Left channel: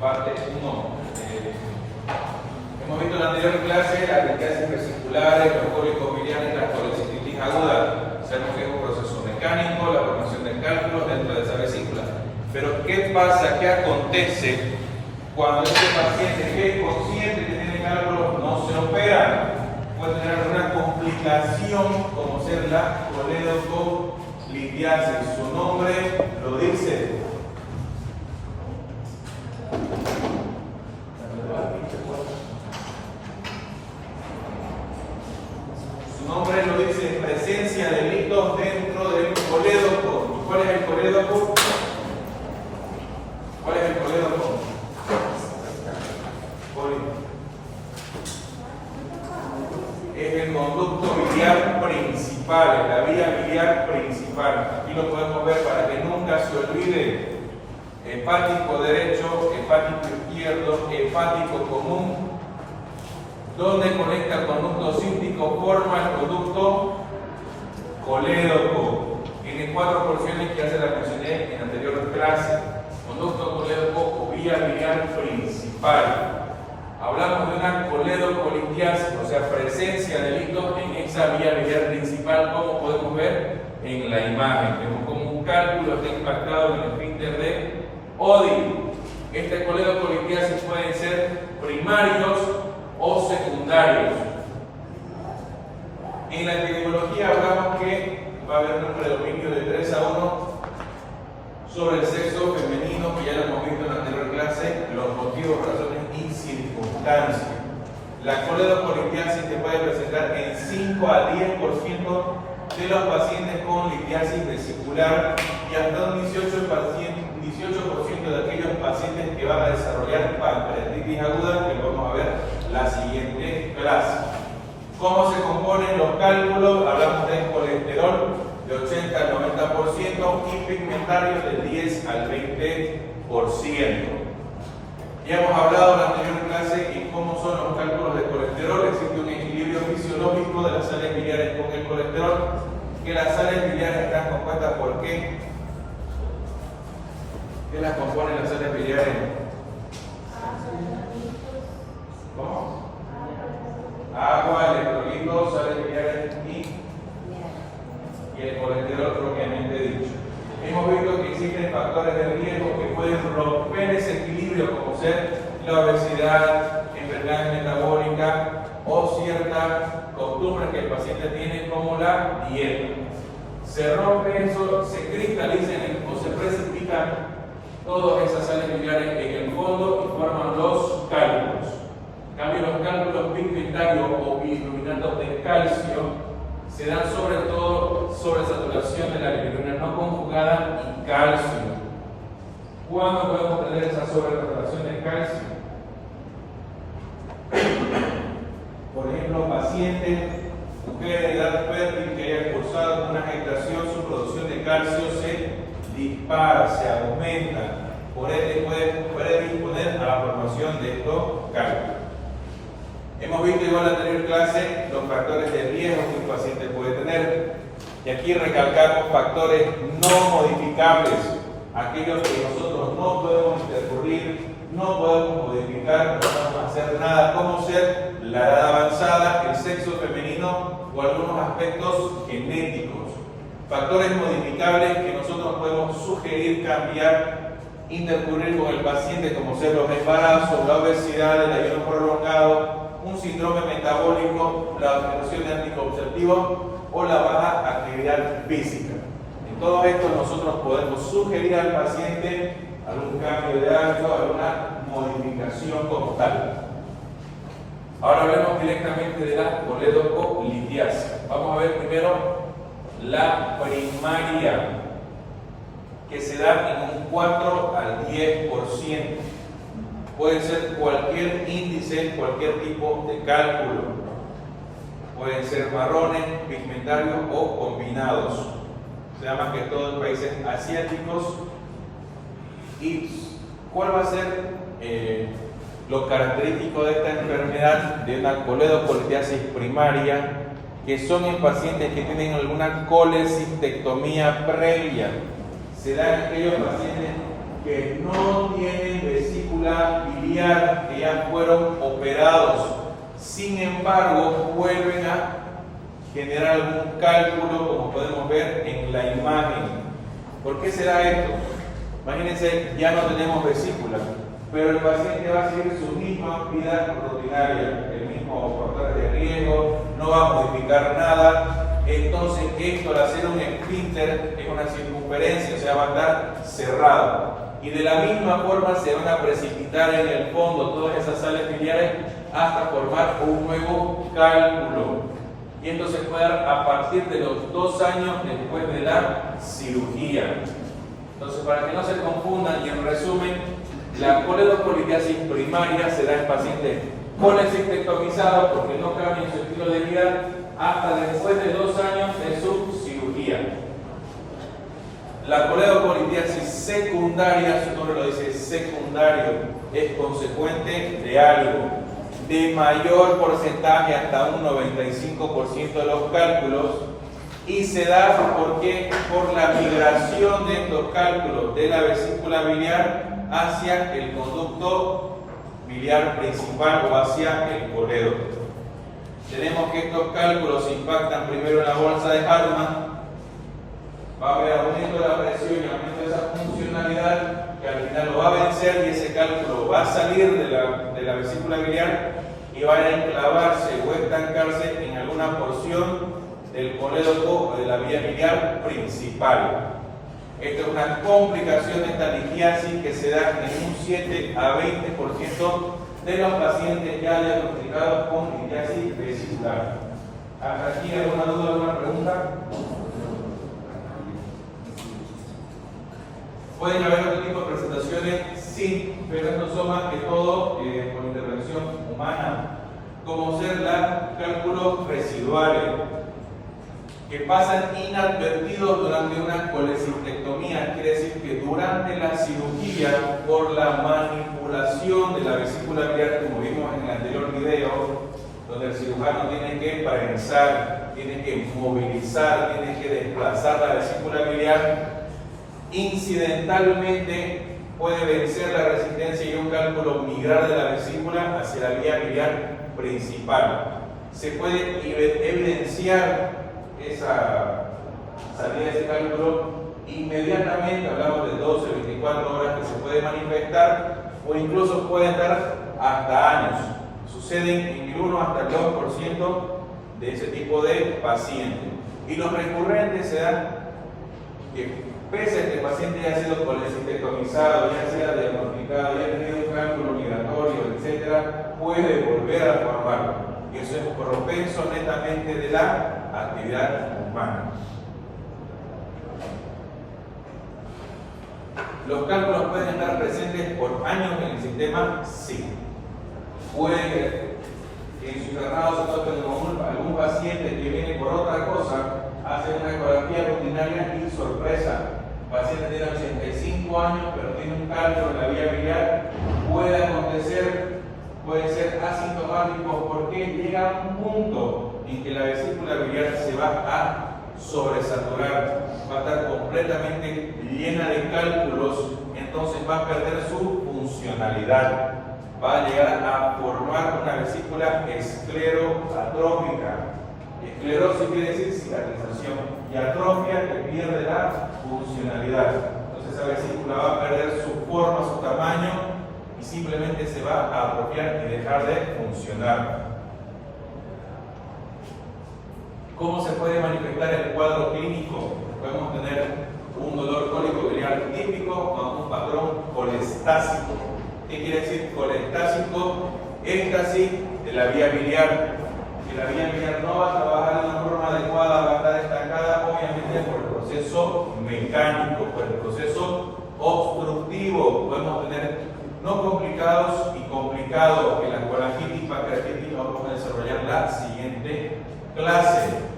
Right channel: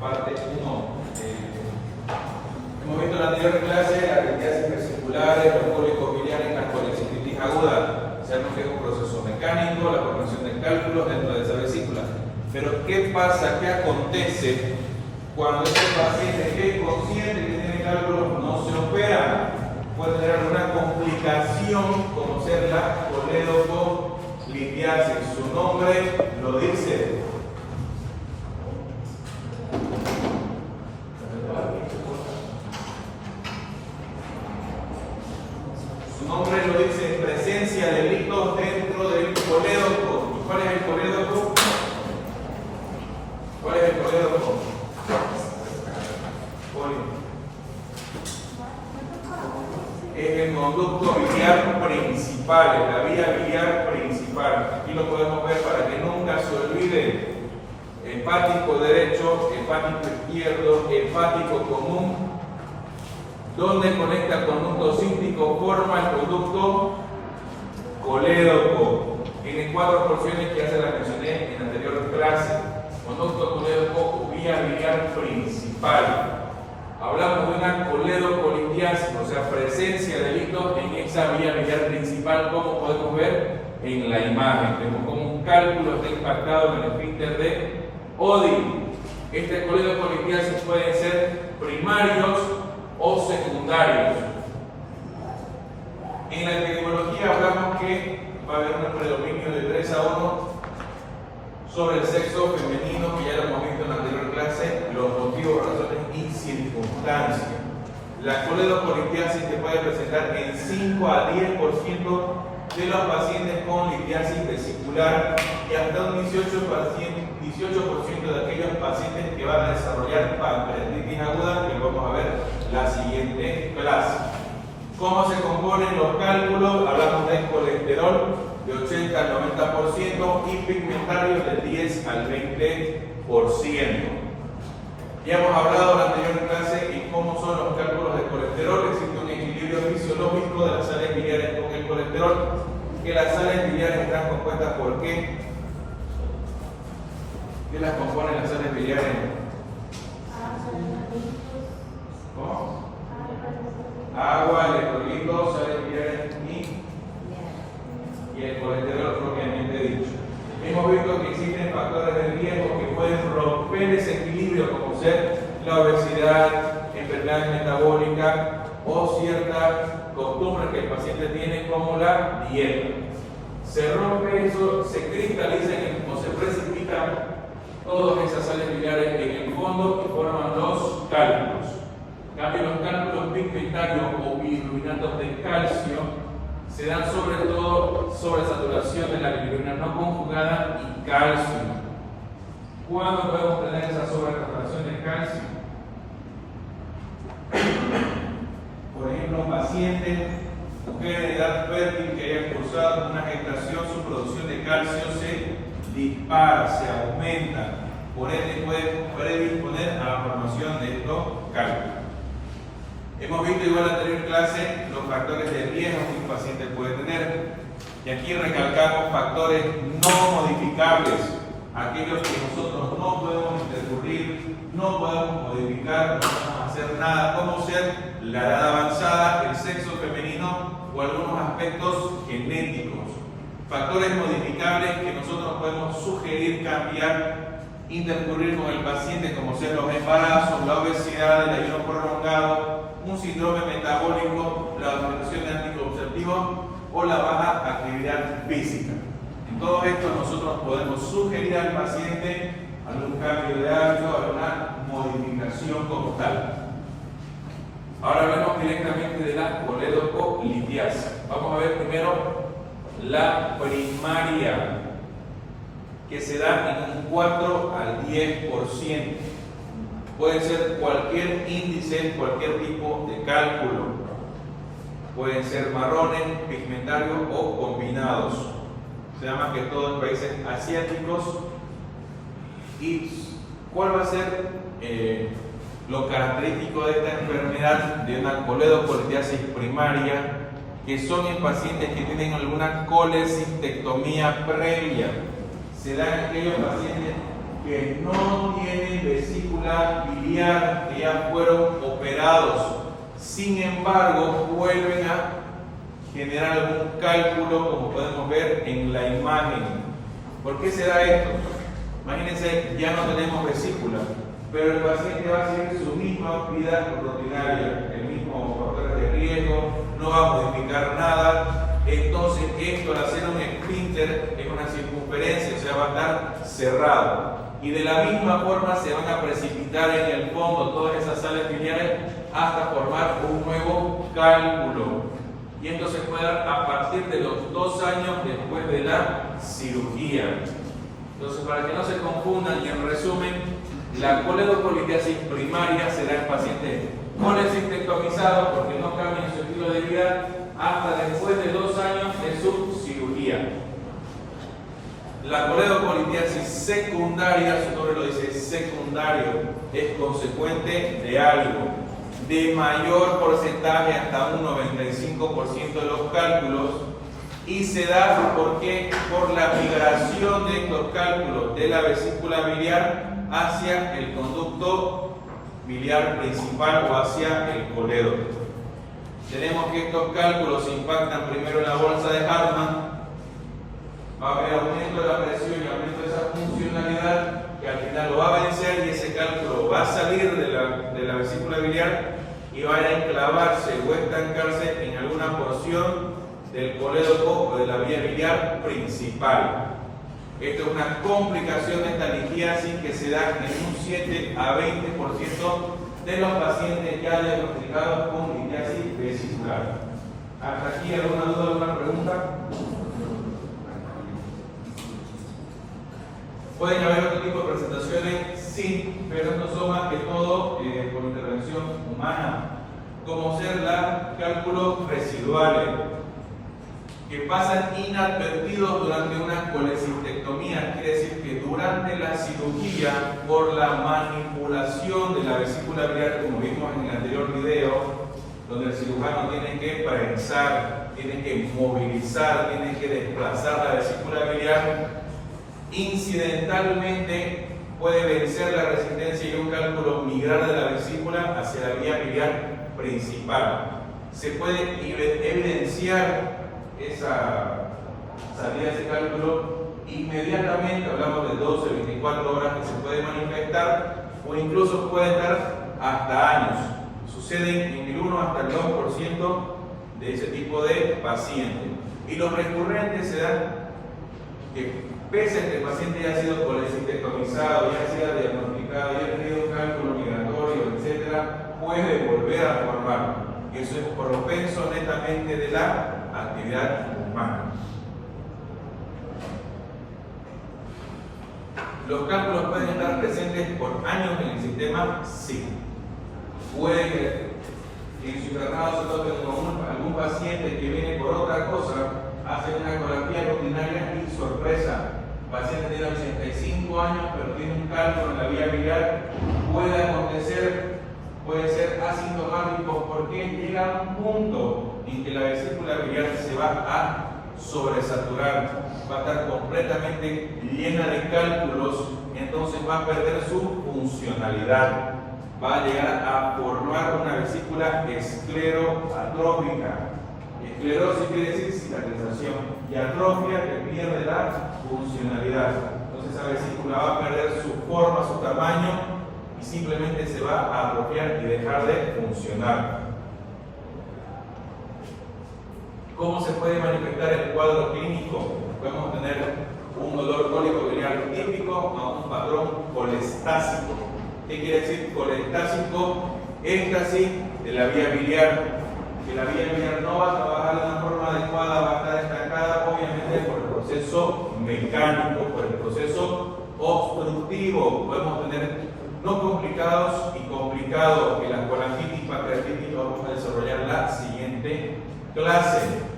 parte 1. Hemos visto en la anterior clase las litiasis vesiculares, los cólicos biliares y la colecistitis aguda. Sabemos que es un proceso mecánico, la formación del cálculo dentro de esa vesícula. Pero ¿qué pasa? ¿Qué acontece cuando este paciente que es consciente que tiene cálculos no se opera? Puede tener una complicación como ser la coledocolidiasis. Su nombre lo dice. Su nombre lo dice, presencia de líquidos dentro del colédoco. ¿Cuál es el colédoco? ¿Cuál es el colédoco? Es el conducto biliar principal, es la vía biliar principal. Aquí lo podemos ver para que nunca se olvide. Hepático derecho, hepático izquierdo, hepático común. Donde conecta el conducto cístico, forma el conducto colédoco. Tiene 4 porciones que ya se las mencioné en la anterior clase. Conducto colédoco o vía biliar principal. Hablamos de una coledocolidiasis, o sea, presencia de líquidos en esa vía biliar principal, como podemos ver en la imagen. Vemos como un cálculo está impactado en el esfínter de Oddi. Este coledocolidiasis pueden ser primarios o secundarios. En la epidemiología hablamos que va a haber un predominio de 3-1 sobre el sexo femenino, que ya lo hemos visto en la anterior clase, los motivos, razones y circunstancias. La coledocolidiasis se puede presentar en 5 a 10% de los pacientes con litiasis vesicular y hasta un 18% de aquellos pacientes que van a desarrollar pancreatitis aguda, que lo vamos a ver la siguiente clase. ¿Cómo se componen los cálculos? Hablamos de colesterol de 80 al 90% y pigmentarios de 10 al 20%. Ya hemos hablado en la anterior clase en cómo son los cálculos de colesterol. Existe un equilibrio fisiológico de las sales biliares con el colesterol, que las sales biliares están compuestas por ¿qué? ¿Qué las componen las sales biliares? ¿Cómo? Agua, electrolitos, sales biliares y el colesterol propiamente dicho. Hemos visto que existen factores de riesgo que pueden romper ese equilibrio, como ser la obesidad, enfermedades metabólicas o ciertas costumbres que el paciente tiene, como la dieta. Se rompe eso, se cristalizan o se precipitan todas esas sales biliares en el fondo y forman los cálculos. En cambio, los cálculos pigmentarios o bilirubiнаtos de calcio se dan sobre todo sobre saturación de la bilirrubina no conjugada y calcio. ¿Cuándo podemos tener esa sobresaturación de calcio? Por ejemplo, pacientes, mujeres de edad fértil que hayan cursado una gestación, su producción de calcio se dispara, se aumenta. Por ende puede disponer a la formación de estos cálculos. Hemos visto igual en la anterior clase los factores de riesgo que un paciente puede tener. Y aquí recalcamos factores no modificables, aquellos que nosotros no podemos intercurrir, no podemos modificar, no podemos hacer nada, como ser la edad avanzada, el sexo femenino o algunos aspectos genéticos. Factores modificables que nosotros podemos sugerir, cambiar, intercurrir con el paciente, como ser los embarazos, la obesidad, el ayuno prolongado, un síndrome metabólico, la utilización de anticonceptivos o la baja actividad física. En todo esto nosotros podemos sugerir al paciente algún cambio de hábito, alguna modificación como tal. Ahora hablamos directamente de la coledocolidiasis. Vamos a ver primero la primaria, que se da en un 4 al 10%. Puede ser cualquier índice, cualquier tipo de cálculo. Pueden ser marrones, pigmentarios o combinados. Se llama que todo en países asiáticos. ¿Y cuál va a ser lo característico de esta enfermedad, de una coledocolidiasis primaria? Que son en pacientes que tienen alguna colecistectomía previa. Se da en aquellos pacientes que no tienen vesícula vesícula biliar que ya fueron operados. Sin embargo, vuelven a generar algún cálculo, como podemos ver en la imagen. ¿Por qué se da esto? Imagínense, ya no tenemos vesícula, pero el paciente va a seguir su misma vida rutinaria, el mismo factor de riesgo, no va a modificar nada. Entonces, esto al hacer un esfínter es una circunferencia, o sea, va a estar cerrado. Y de la misma forma se van a precipitar en el fondo todas esas sales biliares hasta formar un nuevo cálculo. Y esto se puede dar a partir de los 2 años después de la cirugía. Entonces, para que no se confundan, y en resumen, la coledocolitiasis primaria se da en pacientes colecistectomizados porque no cambian su estilo de vida hasta después de 2 años de su cirugía. La coledocolitiasis secundaria, su nombre lo dice, secundario, es consecuente de algo, de mayor porcentaje hasta un 95% de los cálculos, y se da porque por la migración de estos cálculos de la vesícula biliar hacia el conducto biliar principal o hacia el coledo. Tenemos que estos cálculos impactan primero en la bolsa de Hartmann, va a haber aumento de la presión y aumento de esa funcionalidad que al final lo va a vencer, y ese cálculo va a salir de la vesícula biliar y va a enclavarse o estancarse en alguna porción del colédoco o de la vía biliar principal. Esto es una complicación de esta litiasis que se da en un 7 a 20% de los pacientes ya diagnosticados con litiasis vesicular. ¿Hasta aquí alguna duda, alguna pregunta? ¿Pueden haber otro tipo de presentaciones? Sí, pero estos son más que todo por intervención humana, como ser los cálculos residuales, que pasan inadvertidos durante una colecistectomía. Quiere decir que durante la cirugía, por la manipulación de la vesícula biliar, como vimos en el anterior video, donde el cirujano tiene que prensar, tiene que movilizar, tiene que desplazar la vesícula biliar, incidentalmente puede vencer la resistencia y un cálculo migrar de la vesícula hacia la vía biliar principal. Se puede evidenciar esa salida de ese cálculo inmediatamente, hablamos de 12 o 24 horas que se puede manifestar, o incluso puede dar hasta años. Sucede en el 1 hasta el 2% de ese tipo de pacientes. Y los recurrentes se dan que, pese a que el paciente ya ha sido colecistectomizado, ya ha sido diagnosticado, ya ha tenido un cálculo migratorio, etc., puede volver a formarlo. Y eso es propenso netamente de la actividad humana. ¿Los cálculos pueden estar presentes por años en el sistema? Sí. Puede que en su internado se toque con algún paciente que viene por otra cosa, hace una ecografía rutinaria y sorpresa. El paciente tiene 85 años, pero tiene un cálculo en la vía biliar. Puede acontecer, puede ser asintomático, porque llega un punto en que la vesícula biliar se va a sobresaturar, va a estar completamente llena de cálculos, entonces va a perder su funcionalidad, va a llegar a formar una vesícula escleroatrófica. Esclerosis quiere decir cicatrización, y atrofia que pierde la funcionalidad. Entonces esa vesícula va a perder su forma, su tamaño, y simplemente se va a atrofiar y dejar de funcionar. ¿Cómo se puede manifestar el cuadro clínico? Podemos tener un dolor cólico biliar típico a un patrón colestásico. ¿Qué quiere decir colestásico? Éxtasis de la vía biliar. Que la vía biliar no va a trabajar de una forma adecuada, va a estar estancada, obviamente por el proceso mecánico, por el proceso obstructivo. Podemos tener no complicados y complicados. En la colangitis, pancreatitis, vamos a desarrollar la siguiente clase.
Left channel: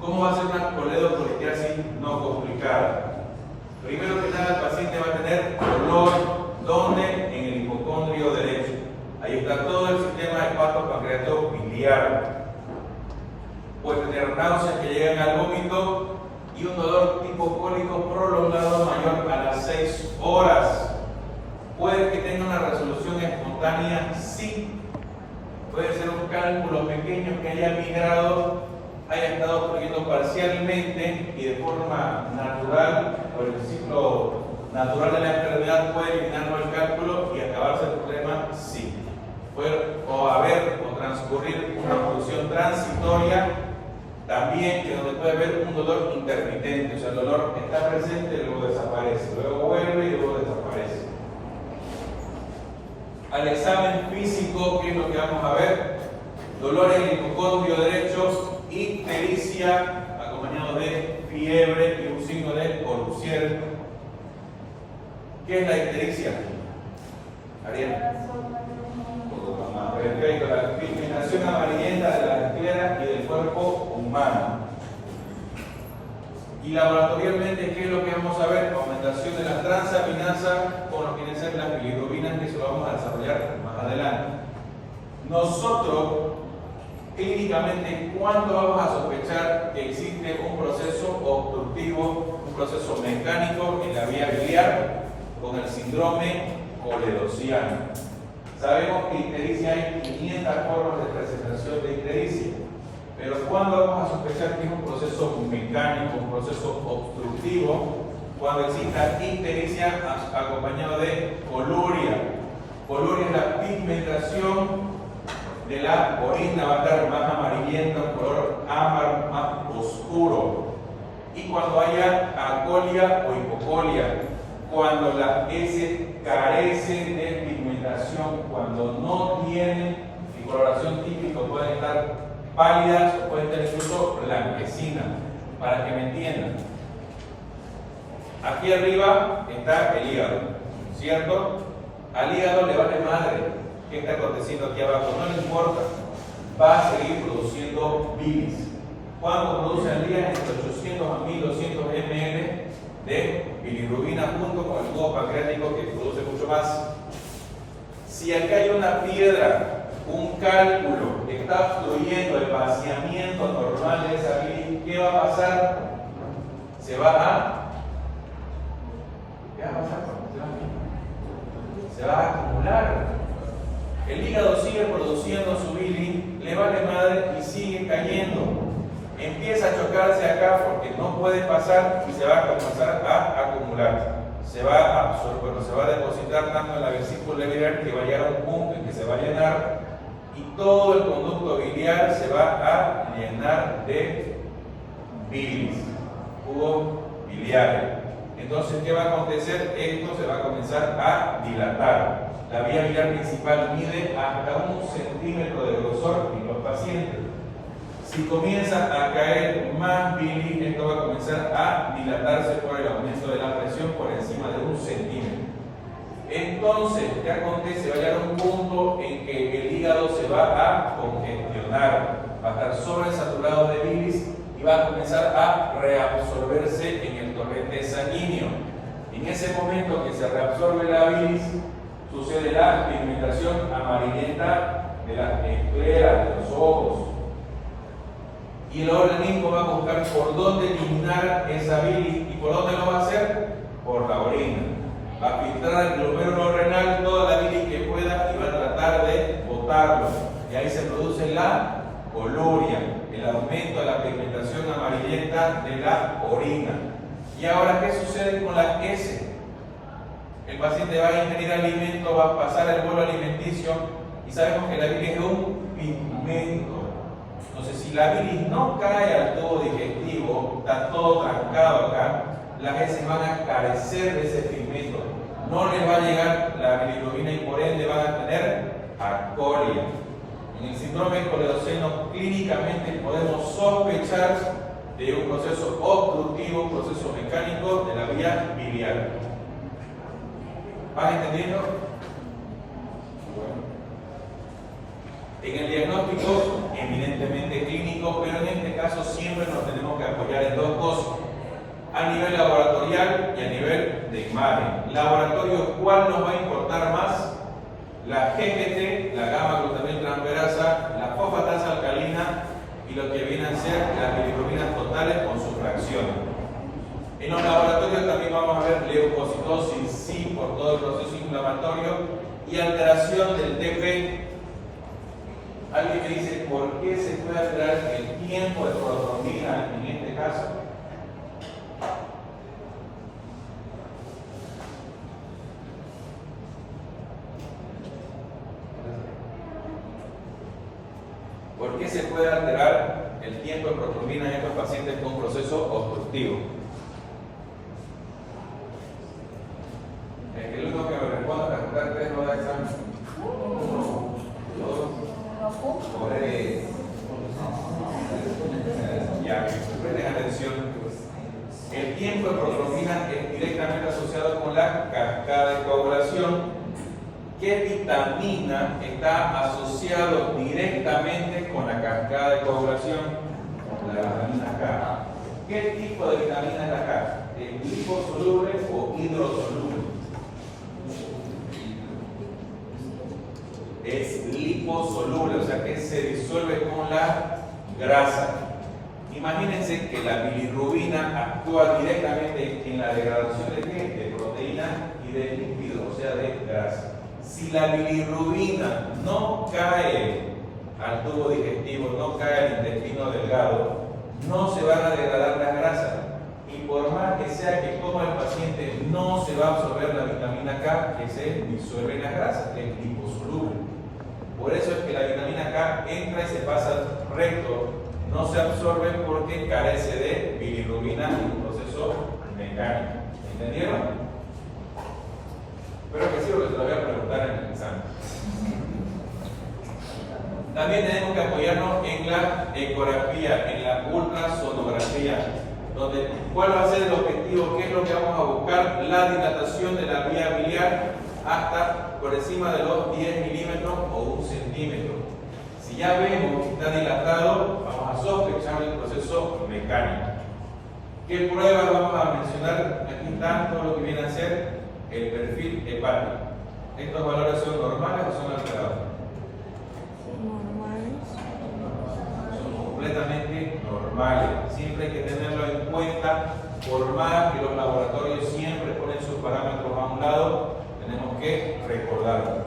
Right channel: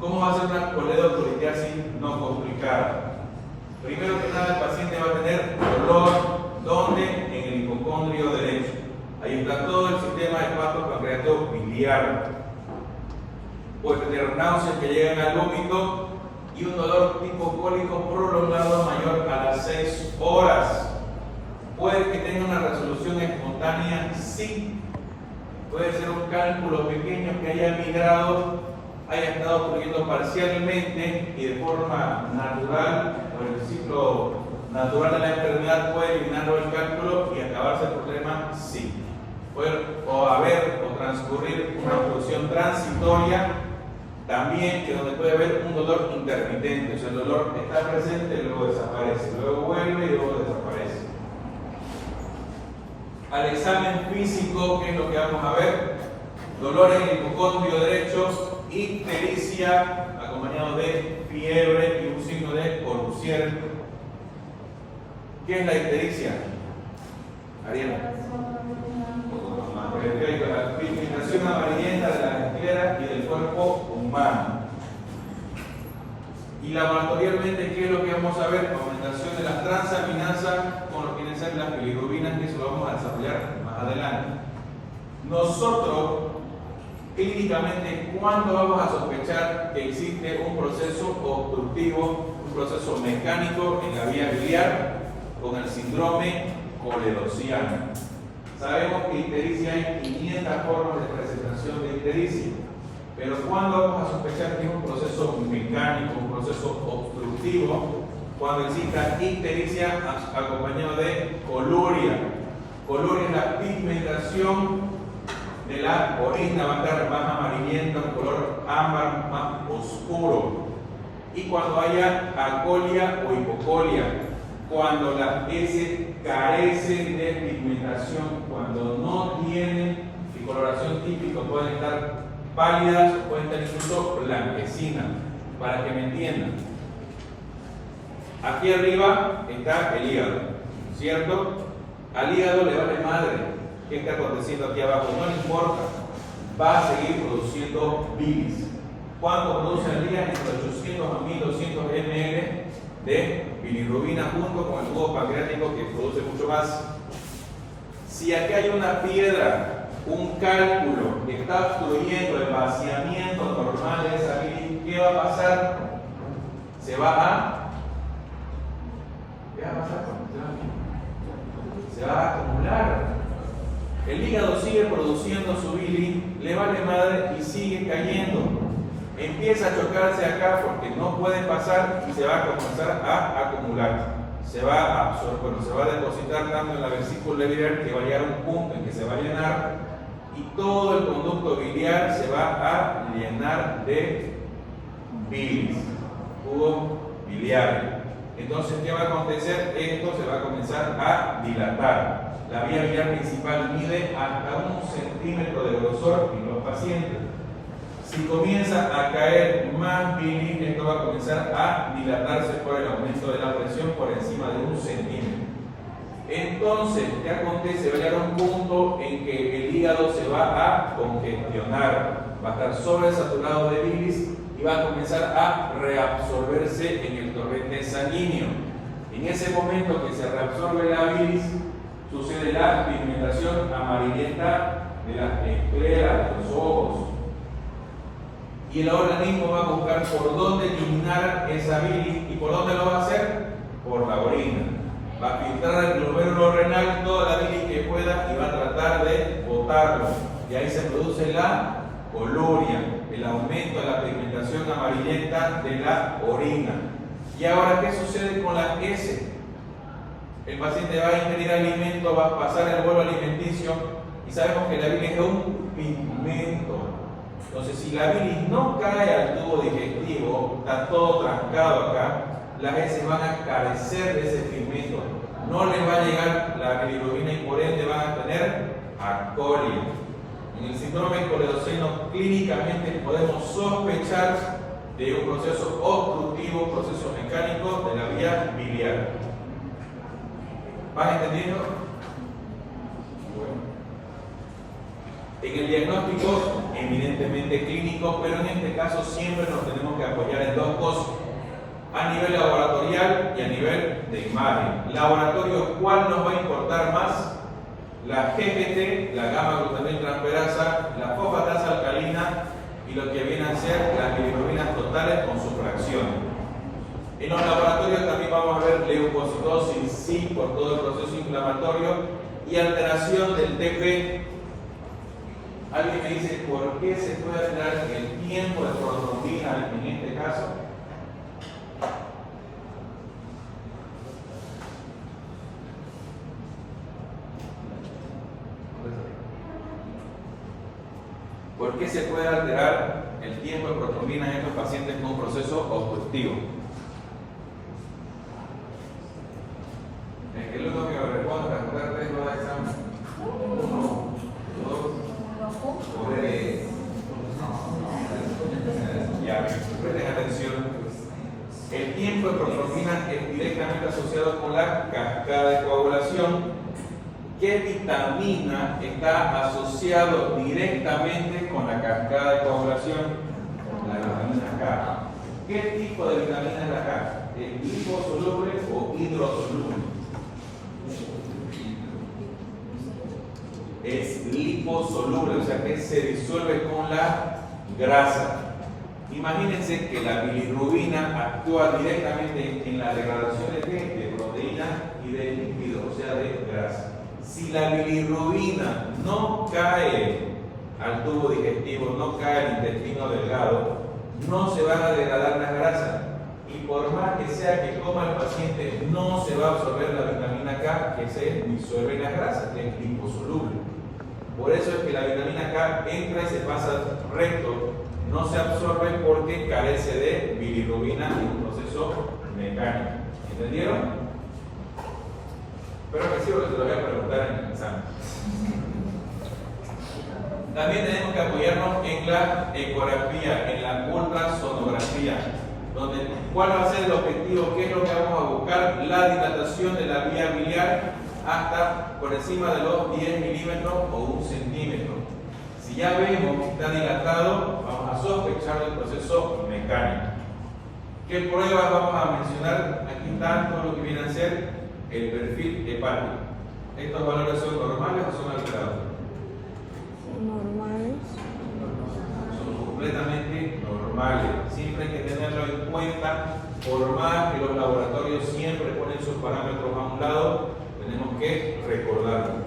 ¿Cómo va a ser una coledocolitiasis no complicada? Primero que nada, el paciente va a tener dolor, ¿dónde? En el hipocondrio derecho. Ahí está todo el sistema hepato-pancreático biliar. Puede tener náuseas que llegan al vómito y un dolor tipo cólico prolongado mayor a las 6 horas. Puede que tenga una resolución resolución espontánea? Sí. Puede ser un cálculo pequeño que haya migrado, haya estado ocurriendo parcialmente y de forma natural, o el ciclo natural de la enfermedad puede eliminarlo el cálculo y acabarse el problema. Sí. O haber o transcurrir una función transitoria también, que donde puede haber un dolor intermitente, o sea, el dolor está presente y luego desaparece, luego vuelve y luego desaparece. Al examen físico, ¿qué es lo que vamos a ver? Dolor en el hipocondrio derecho, ictericia, acompañado de fiebre y un signo de Courvoisier. ¿Qué es la ictericia? Ariel. Perfecto, la pigmentación amarillenta de las escleras y del cuerpo humano. Y laboratorialmente, ¿qué es lo que vamos a ver? Aumentación de las transaminasas con lo que vienen a ser las bilirrubinas, que eso lo vamos a desarrollar más adelante. Nosotros, clínicamente, ¿cuándo vamos a sospechar que existe un proceso obstructivo, un proceso mecánico en la vía biliar con el síndrome coledociano? Sabemos que ictericia hay 500 formas de presentación de ictericia, pero ¿cuándo vamos a sospechar que es un proceso mecánico, un proceso obstructivo? Cuando exista ictericia acompañado de coluria. Coluria es la pigmentación de la orina, va a estar más amarillenta, un color ámbar más oscuro. Y cuando haya acolia o hipocolia, cuando las heces carecen de pigmentación, cuando no tienen de coloración típica, pueden estar pálidas o pueden estar incluso blanquecinas, para que me entiendan. Aquí arriba está el hígado, ¿cierto? Al hígado le vale madre qué está aconteciendo aquí abajo, no le importa, va a seguir produciendo bilis. ¿Cuánto produce al día? Entre 800 a 1200 ml de bilirrubina junto con el jugo pancreático, que produce mucho más. Si acá hay una piedra, un cálculo que está obstruyendo el vaciamiento normal de esa bilis, ¿qué va a pasar? ¿Qué va a pasar? Se va a acumular. El hígado sigue produciendo su bilis, le vale madre y sigue cayendo. Empieza a chocarse acá porque no puede pasar y se va a comenzar a acumular. Se va a absorber, se va a depositar tanto en la vesícula biliar que va a llegar a un punto en que se va a llenar y todo el conducto biliar se va a llenar de bilis, jugo biliar. Entonces, ¿qué va a acontecer? Esto se va a comenzar a dilatar. La vía biliar principal mide hasta 1 centímetro de grosor en los pacientes. Si comienza a caer más bilis, esto va a comenzar a dilatarse por el aumento de la presión por encima de 1 centímetro. Entonces, ¿qué acontece? Va a llegar un punto en que el hígado se va a congestionar, va a estar sobresaturado de bilis y va a comenzar a reabsorberse en el torrente sanguíneo. En ese momento que se reabsorbe la bilis, sucede la pigmentación amarillenta de las escleras, de los ojos. Y el organismo va a buscar por dónde eliminar esa bilis. ¿Y por dónde lo va a hacer? Por la orina. Va a filtrar el glomérulo renal toda la bilis que pueda y va a tratar de botarlo. Y ahí se produce la coluria, el aumento de la pigmentación amarillenta de la orina. ¿Y ahora qué sucede con las heces? El paciente va a ingerir alimento, va a pasar el bolo alimenticio y sabemos que la bilis es un pigmento. Entonces, si la bilis no cae al tubo digestivo, está todo trancado acá, las heces van a carecer de ese pigmento. No les va a llegar la bilirrubina y por ende van a tener acolia. En el síndrome coledociano clínicamente podemos sospechar de un proceso obstructivo, proceso mecánico de la vía biliar. ¿Vas entendiendo? Bueno. En el diagnóstico, evidentemente clínico, pero en este caso siempre nos tenemos que apoyar en dos cosas: a nivel laboratorial y a nivel de imagen. Laboratorio, ¿cuál nos va a importar más? La GGT, la gamma-glutamil-transferasa, la fosfatasa alcalina y lo que vienen a ser las bilirrubinas totales con sus fracciones. En los laboratorios también vamos a ver leucocitosis, sí, por todo el proceso inflamatorio, y alteración del TP. Alguien me dice, ¿por qué se puede alterar el tiempo de protrombina en este caso? ¿Por qué se puede alterar el tiempo de protrombina en estos pacientes con un proceso obstructivo? El que el único que me responda a preguntar 3 horas de examen. 1, 2, 3. Ya, presten atención. El tiempo de protrombina es directamente asociado con la cascada de coagulación. ¿Qué vitamina está asociado directamente con la cascada de coagulación? La vitamina K. ¿Qué tipo de vitamina es la K? ¿Es liposoluble o hidrosoluble? Es liposoluble, o sea que se disuelve con la grasa. Imagínense que la bilirrubina actúa directamente en la degradación de ¿qué? De proteína y de lípidos, o sea de grasa. Si la bilirrubina no cae al tubo digestivo, no cae al intestino delgado, no se van a degradar las grasas. Y por más que sea que coma el paciente, no se va a absorber la vitamina K que se disuelve en las grasas, que es liposoluble. Por eso es que la vitamina K entra y se pasa recto, no se absorbe porque carece de bilirrubina en un proceso mecánico. ¿Entendieron? Espero que sí, porque te lo voy a preguntar en el examen. También tenemos que apoyarnos en la ecografía, en la ultrasonografía, donde ¿cuál va a ser el objetivo? ¿Qué es lo que vamos a buscar? La dilatación de la vía biliar hasta por encima de los 10 milímetros o 1 centímetro. Si ya vemos que está dilatado, vamos a sospechar del proceso mecánico. ¿Qué pruebas vamos a mencionar? Aquí está todo lo que viene a ser el perfil hepático. ¿Estos valores son normales o son alterados? Normales. Son completamente normales. Siempre hay que tenerlo en cuenta, por más que los laboratorios siempre ponen sus parámetros a un lado, tenemos que recordarlo.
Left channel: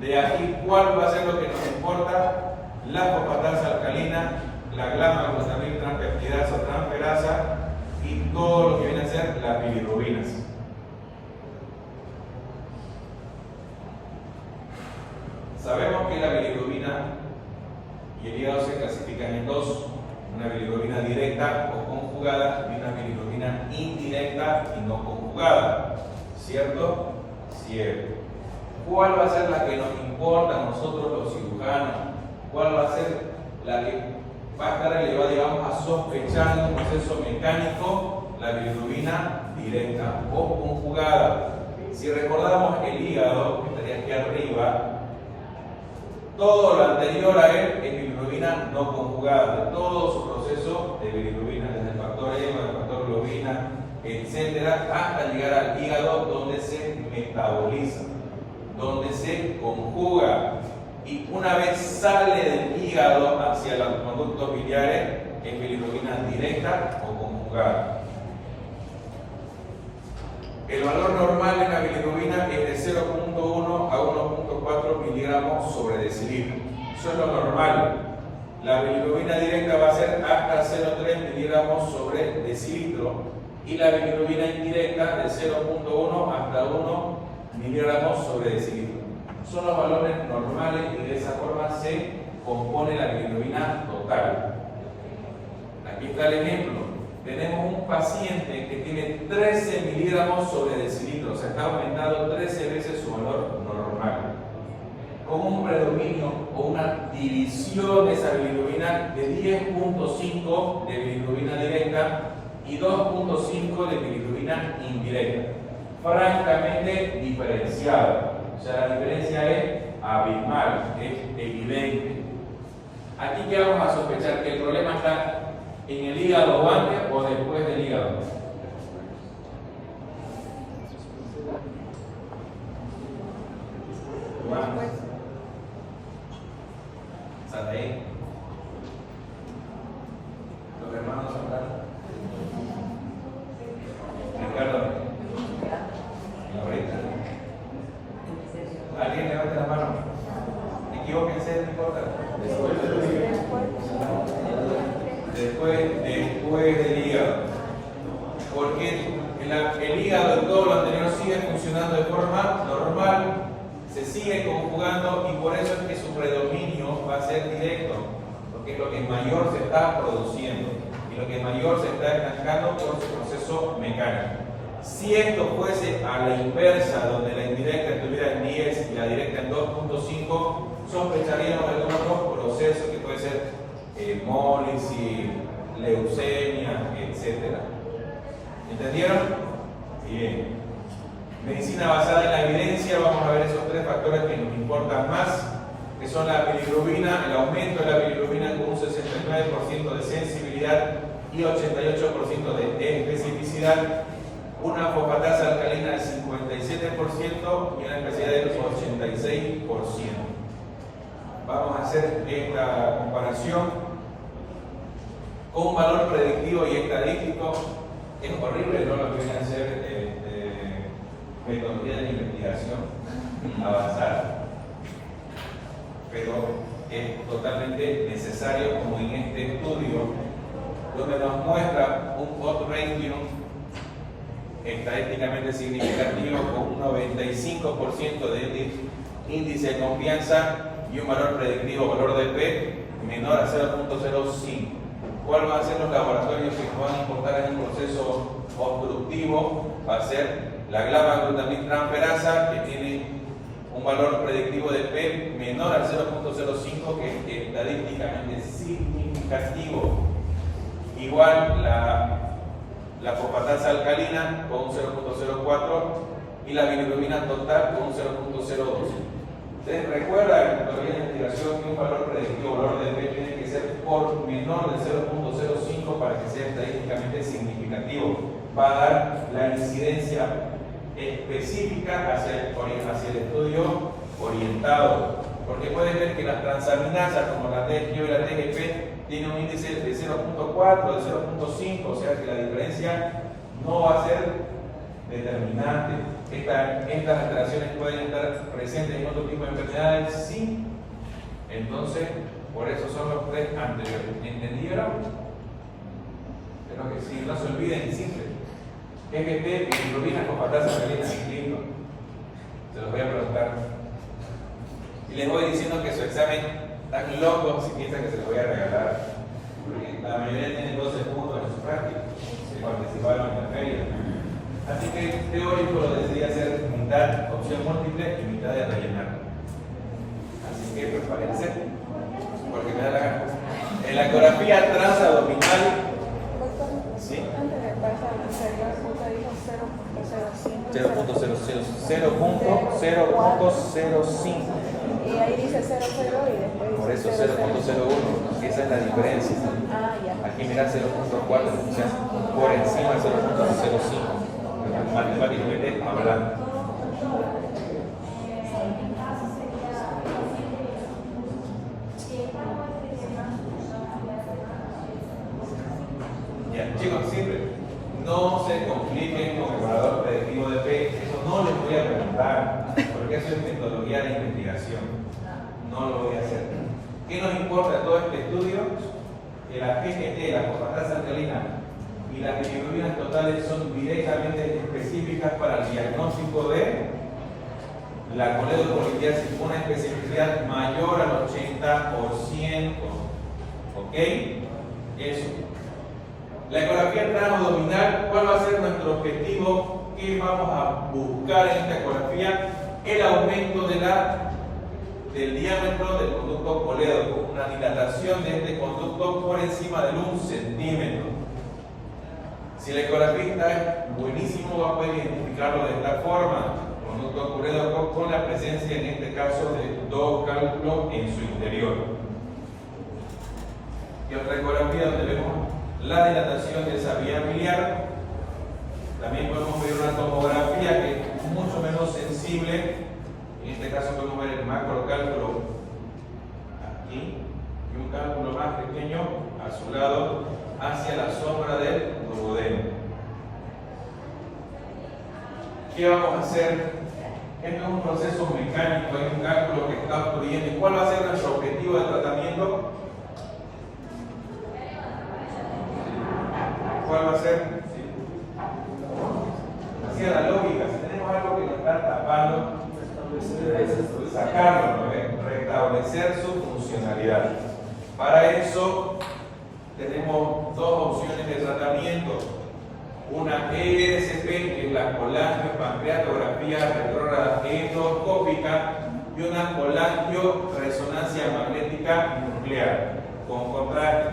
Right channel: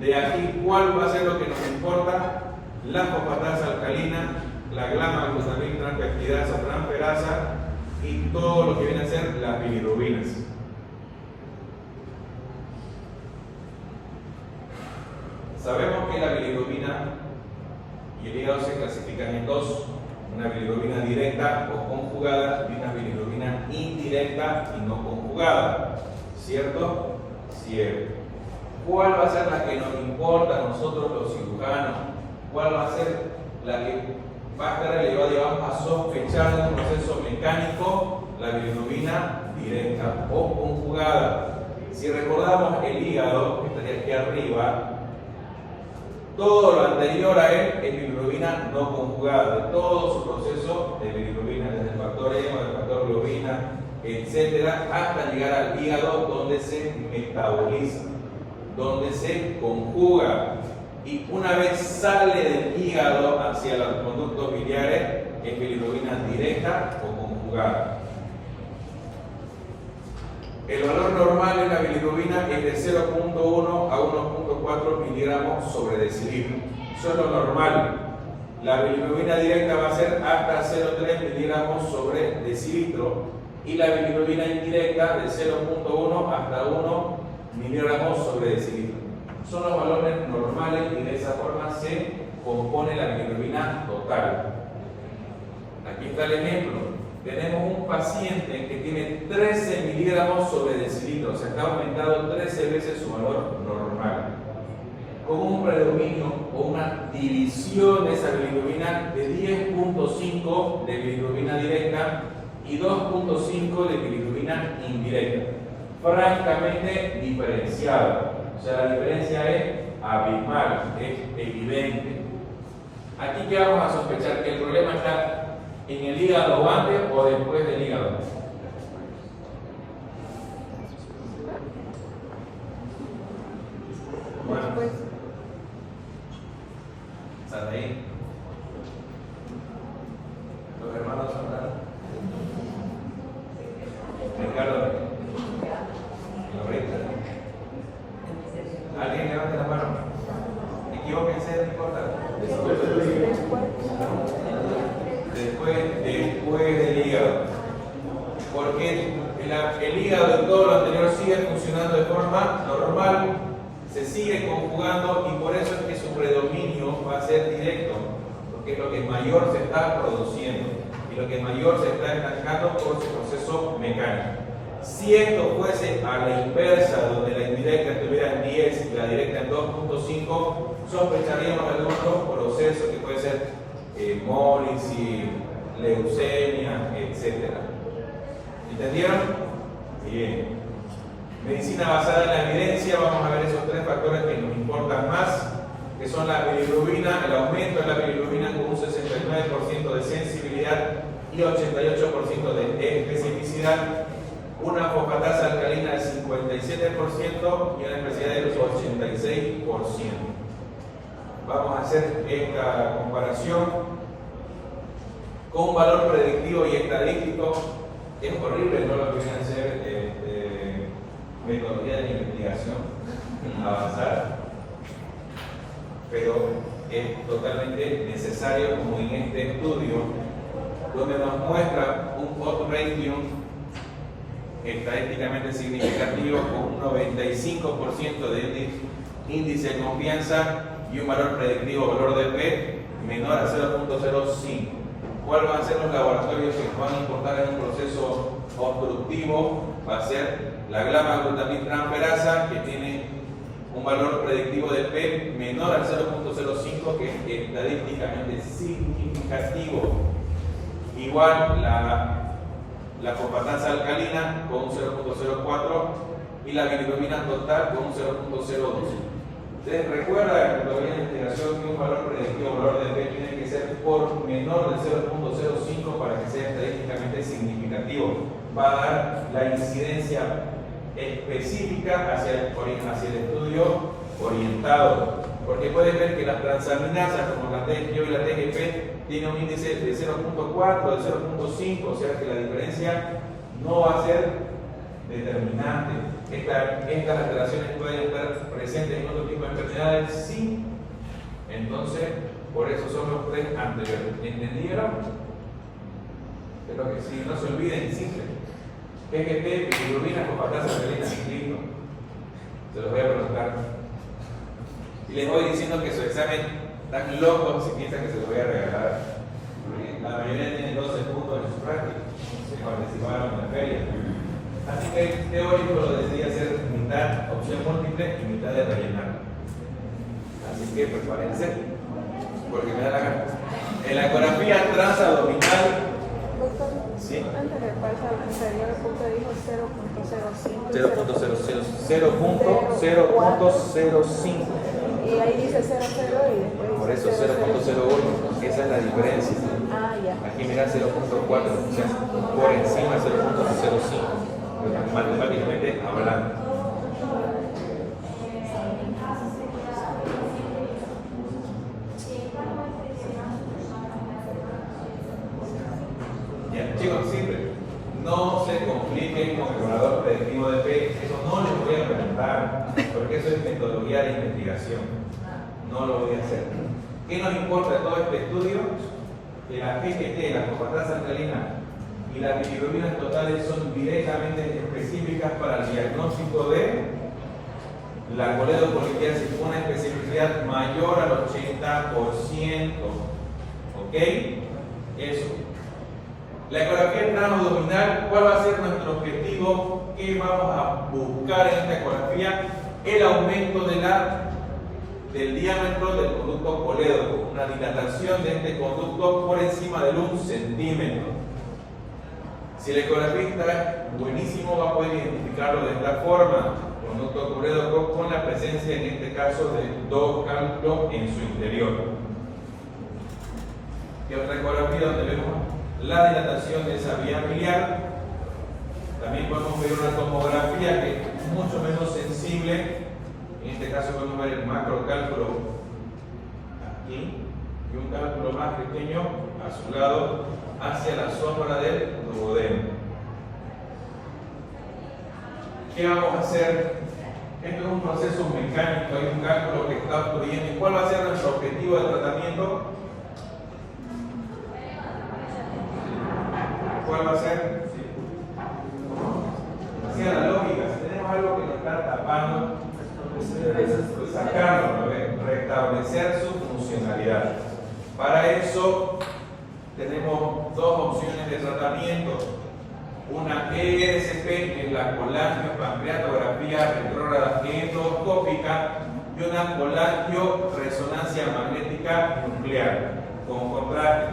De aquí, ¿cuál va a ser lo que nos importa? La fosfatasa alcalina, la gamma-glutamil transpeptidasa, transferasa y todo lo que viene a ser las bilirrubinas. Sabemos que la bilirrubina y el hígado se clasifican en dos: una bilirrubina directa o conjugada y una bilirrubina indirecta y no conjugada. ¿Cierto? Cierto. ¿Cuál va a ser la que nos importa a nosotros los cirujanos? ¿Cuál va a ser la que va a estar elevada y vamos a sospechar de un proceso mecánico? La bilirrubina directa o conjugada. Si recordamos el hígado, que estaría aquí arriba, todo lo anterior a él es bilirrubina no conjugada, de todo su proceso de bilirrubina, desde el factor hemo, el factor globina, etcétera, hasta llegar al hígado donde se metaboliza, donde se conjuga. Y una vez sale del hígado hacia los conductos biliares, es bilirrubina directa o conjugada. El valor normal de la bilirrubina es de 0.1 a 1.4 miligramos sobre decilitro. Eso es lo normal. La bilirrubina directa va a ser hasta 0.3 miligramos sobre decilitro y la bilirrubina indirecta de 0.1 hasta 1 miligramos sobre decilitro. Son los valores normales y de esa forma se compone la bilirrubina total. Aquí está el ejemplo. Tenemos un paciente que tiene 13 miligramos sobre decilitro, o sea, está aumentado 13 veces su valor normal, con un predominio o una división de esa bilirrubina de 10.5 de bilirrubina directa y 2.5 de bilirrubina indirecta, francamente diferenciada. O sea, la diferencia es abismal, es evidente. Aquí que vamos a sospechar que el problema está en el hígado antes o después del hígado. Después. ¿Están ahí? Los hermanos hablan. Ricardo. ¿Alguien levanta la mano? Equivóquense, no importa. Después del hígado. Porque el hígado y todo lo anterior sigue funcionando de forma normal, se sigue conjugando y por eso es que su predominio va a ser directo, porque es lo que mayor se está produciendo y lo que mayor se está estancando por su proceso mecánico. Si esto fuese a la inversa, donde la indirecta estuviera en 10 y la directa en 2.5, sospecharíamos algunos procesos que puede ser hemólisis, leucemia, etc. ¿Entendieron? Bien. Medicina basada en la evidencia, vamos a ver esos tres factores que nos importan más, que son la bilirrubina, el aumento de la bilirrubina con un 69% de sensibilidad y 88% de especificidad, una fosfatasa alcalina del 57% y una especialidad del 86%. Vamos a hacer esta comparación con un valor predictivo y estadístico. Es horrible, no lo que viene a hacer metodología de investigación avanzada, pero es totalmente necesario, como en este estudio, donde nos muestra un odds ratio estadísticamente significativo con un 95% de índice de confianza y un valor predictivo, valor de P, menor a 0.05. ¿Cuáles van a ser los laboratorios que nos van a importar en un proceso obstructivo? Va a ser la gamma-glutamic-transferasa, que tiene un valor predictivo de P menor al 0.05, que es estadísticamente significativo. Igual la fosfatasa alcalina con un 0.04 y la bilirrubina total con un 0.02. ¿Ustedes recuerdan en la investigación que un valor predictivo, valor de P, tiene que ser por menor del 0.05 para que sea estadísticamente significativo? Va a dar la incidencia específica hacia el estudio orientado. Porque pueden ver que las transaminasas como la TGO y la TGP tienen un índice de 0.4, de 0.5, o sea que la diferencia no va a ser determinante. Estas alteraciones pueden estar presentes en otro tipo de enfermedades, sí. Entonces, por eso son los tres anteriores. ¿Entendieron? Pero que sí, no se olviden, simple. TGP, bilirrubina, fosfatasa alcalina, listo. Se los voy a preguntar. Y les voy diciendo que su examen tan loco si piensan que se los voy a regalar. Porque la mayoría tiene 12 puntos en su práctica. Se participaron en la feria. Así que el teórico lo decidí hacer mitad opción múltiple y mitad de rellenar. Así que prepárense, porque me da la gana. En la ecografía transabdominal, ¿sí? 0.05. Y ahí dice 0.0 y después. Por eso 0.01, esa es la diferencia. Aquí mira 0.4, o sea, por encima 0.05. Matemáticamente hablando. Ya, chicos, simple. No se compliquen con el valor predictivo de P. Eso no les voy a preguntar, porque eso es metodología de investigación. No lo voy a hacer. ¿Qué nos importa de todo este estudio? Que la PGT, la fosfatasa alcalina y las bilirrubinas totales son directamente específicas para el diagnóstico de la coledocolitiasis con una especificidad mayor al 80%. ¿Ok? Eso. La ecografía transabdominal, ¿cuál va a ser nuestro objetivo? ¿Qué vamos a buscar en esta ecografía? El aumento del diámetro del conducto colédoco, una dilatación de este conducto por encima del 1 centímetro. Si la ecografía está buenísimo, va a poder identificarlo de esta forma, conducto colédoco con la presencia, en este caso, de 2 cálculos en su interior. Y otra ecografía donde vemos la dilatación de esa vía biliar. También podemos ver una tomografía que es mucho menos sensible. En este caso podemos ver el macrocálculo aquí y un cálculo más pequeño a su lado hacia la sombra del duodeno. ¿Qué vamos a hacer Esto es un proceso mecánico, hay un cálculo que está obstruyendo. ¿Y cuál va a ser nuestro objetivo de tratamiento? ¿Cuál va a ser? Así a la lógica, si tenemos algo que nos está tapando, sacarlo, ¿no? Restablecer su funcionalidad. Para eso tenemos dos opciones de tratamiento. Una ERCP, que es la colangiopancreatografía retrógrada endoscópica, y una colangioresonancia magnética nuclear con contraste.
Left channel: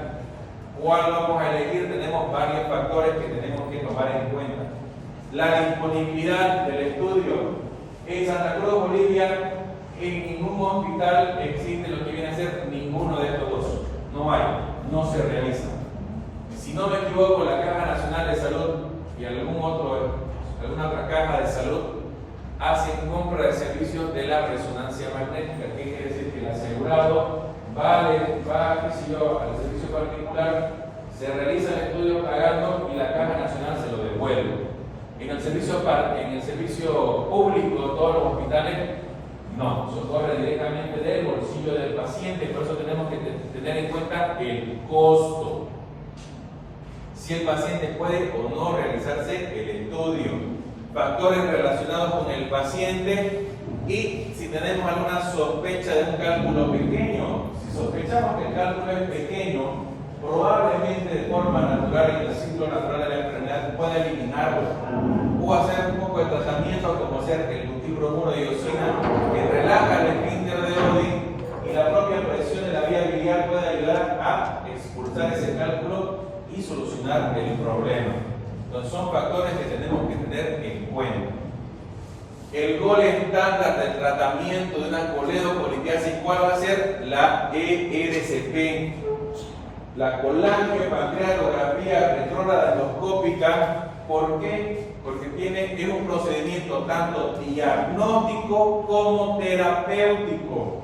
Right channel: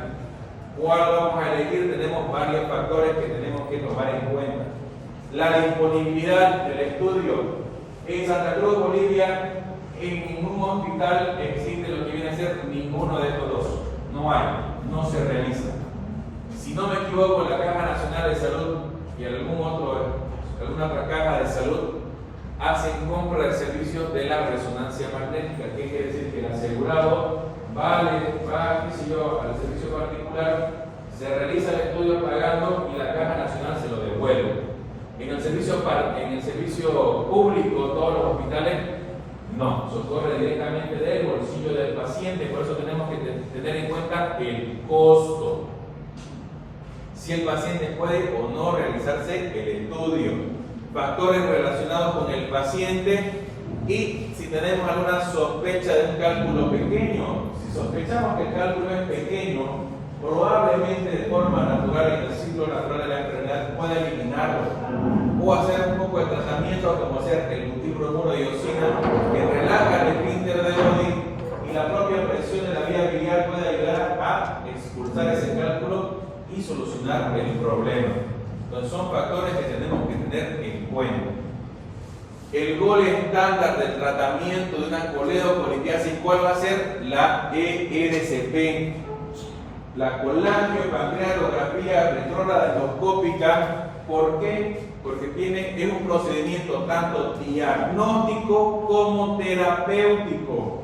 ¿Cuál vamos a elegir? Tenemos varios factores que tenemos que tomar en cuenta. La disponibilidad del estudio. En Santa Cruz, Bolivia, en ningún hospital existe lo que viene a ser ninguno de estos dos. No hay, no se realiza. Si no me equivoco, la Caja Nacional de Salud y alguna otra caja de salud hacen compra de servicios de la resonancia magnética. ¿Qué quiere decir? Que el asegurado va al servicio particular, se realiza el estudio pagando y la Caja Nacional se lo devuelve. En el servicio público, todos los hospitales, no, socorre directamente del bolsillo del paciente, por eso tenemos que tener en cuenta el costo. Si el paciente puede o no realizarse el estudio, factores relacionados con el paciente y si tenemos alguna sospecha de un cálculo pequeño. Si sospechamos que el cálculo es pequeño, probablemente de forma natural, en el ciclo natural de la enfermedad, pueda eliminarlo o hacer un poco de tratamiento como hacer el butirbromuro diosina que relaja el esfínter de Oddi y la propia presión de la vía biliar puede ayudar a expulsar ese cálculo y solucionar el problema. Entonces son factores que tenemos que tener en cuenta. El gol estándar del tratamiento de una coledocolitiasis, ¿cuál va a ser? La ERCP, la colangiopancreatografía retrógrada endoscópica. ¿Por qué? Porque es un procedimiento tanto diagnóstico como terapéutico.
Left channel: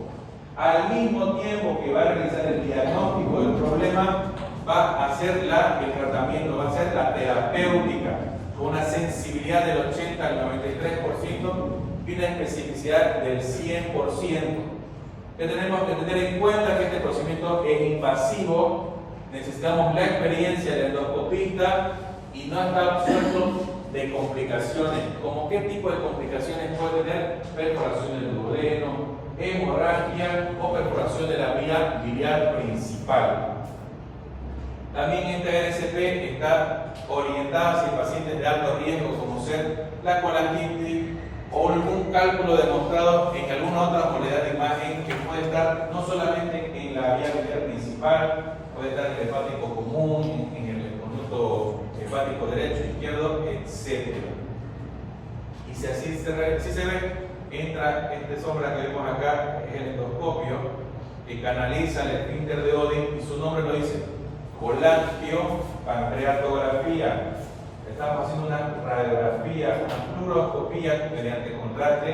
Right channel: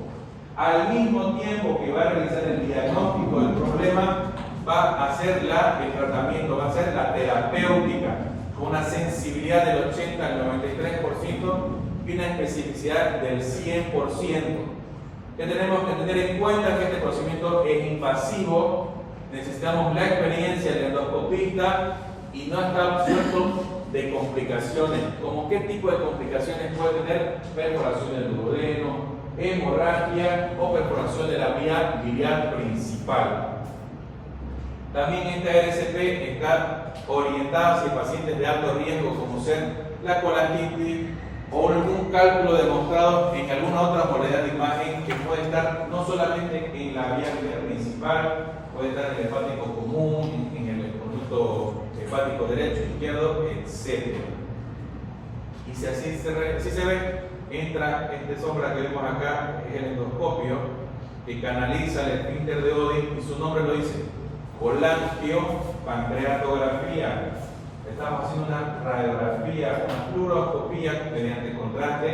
Al mismo tiempo que va a realizar el diagnóstico del problema, va a hacer el tratamiento, va a ser la terapéutica, con una sensibilidad del 80 al 93% y una especificidad del 100%. Que tenemos que tener en cuenta que este procedimiento es invasivo, necesitamos la experiencia del endoscopista y no está absuelto de complicaciones. ¿Como qué tipo de complicaciones puede tener? Perforación del duodeno, hemorragia o perforación de la vía biliar principal. También esta ERCP está orientada hacia pacientes de alto riesgo, como ser la colangitis o algún cálculo demostrado en alguna otra modalidad de imagen que puede estar no solamente en la vía biliar principal, puede estar en el hepático común, en el conducto hepático derecho, izquierdo, etc. Y si así se ve, entra esta sombra que vemos acá, que es el endoscopio, que canaliza el esfínter de Oddi, y su nombre lo dice, colangiopancreatografía. Estamos haciendo una radiografía, una fluoroscopía mediante contraste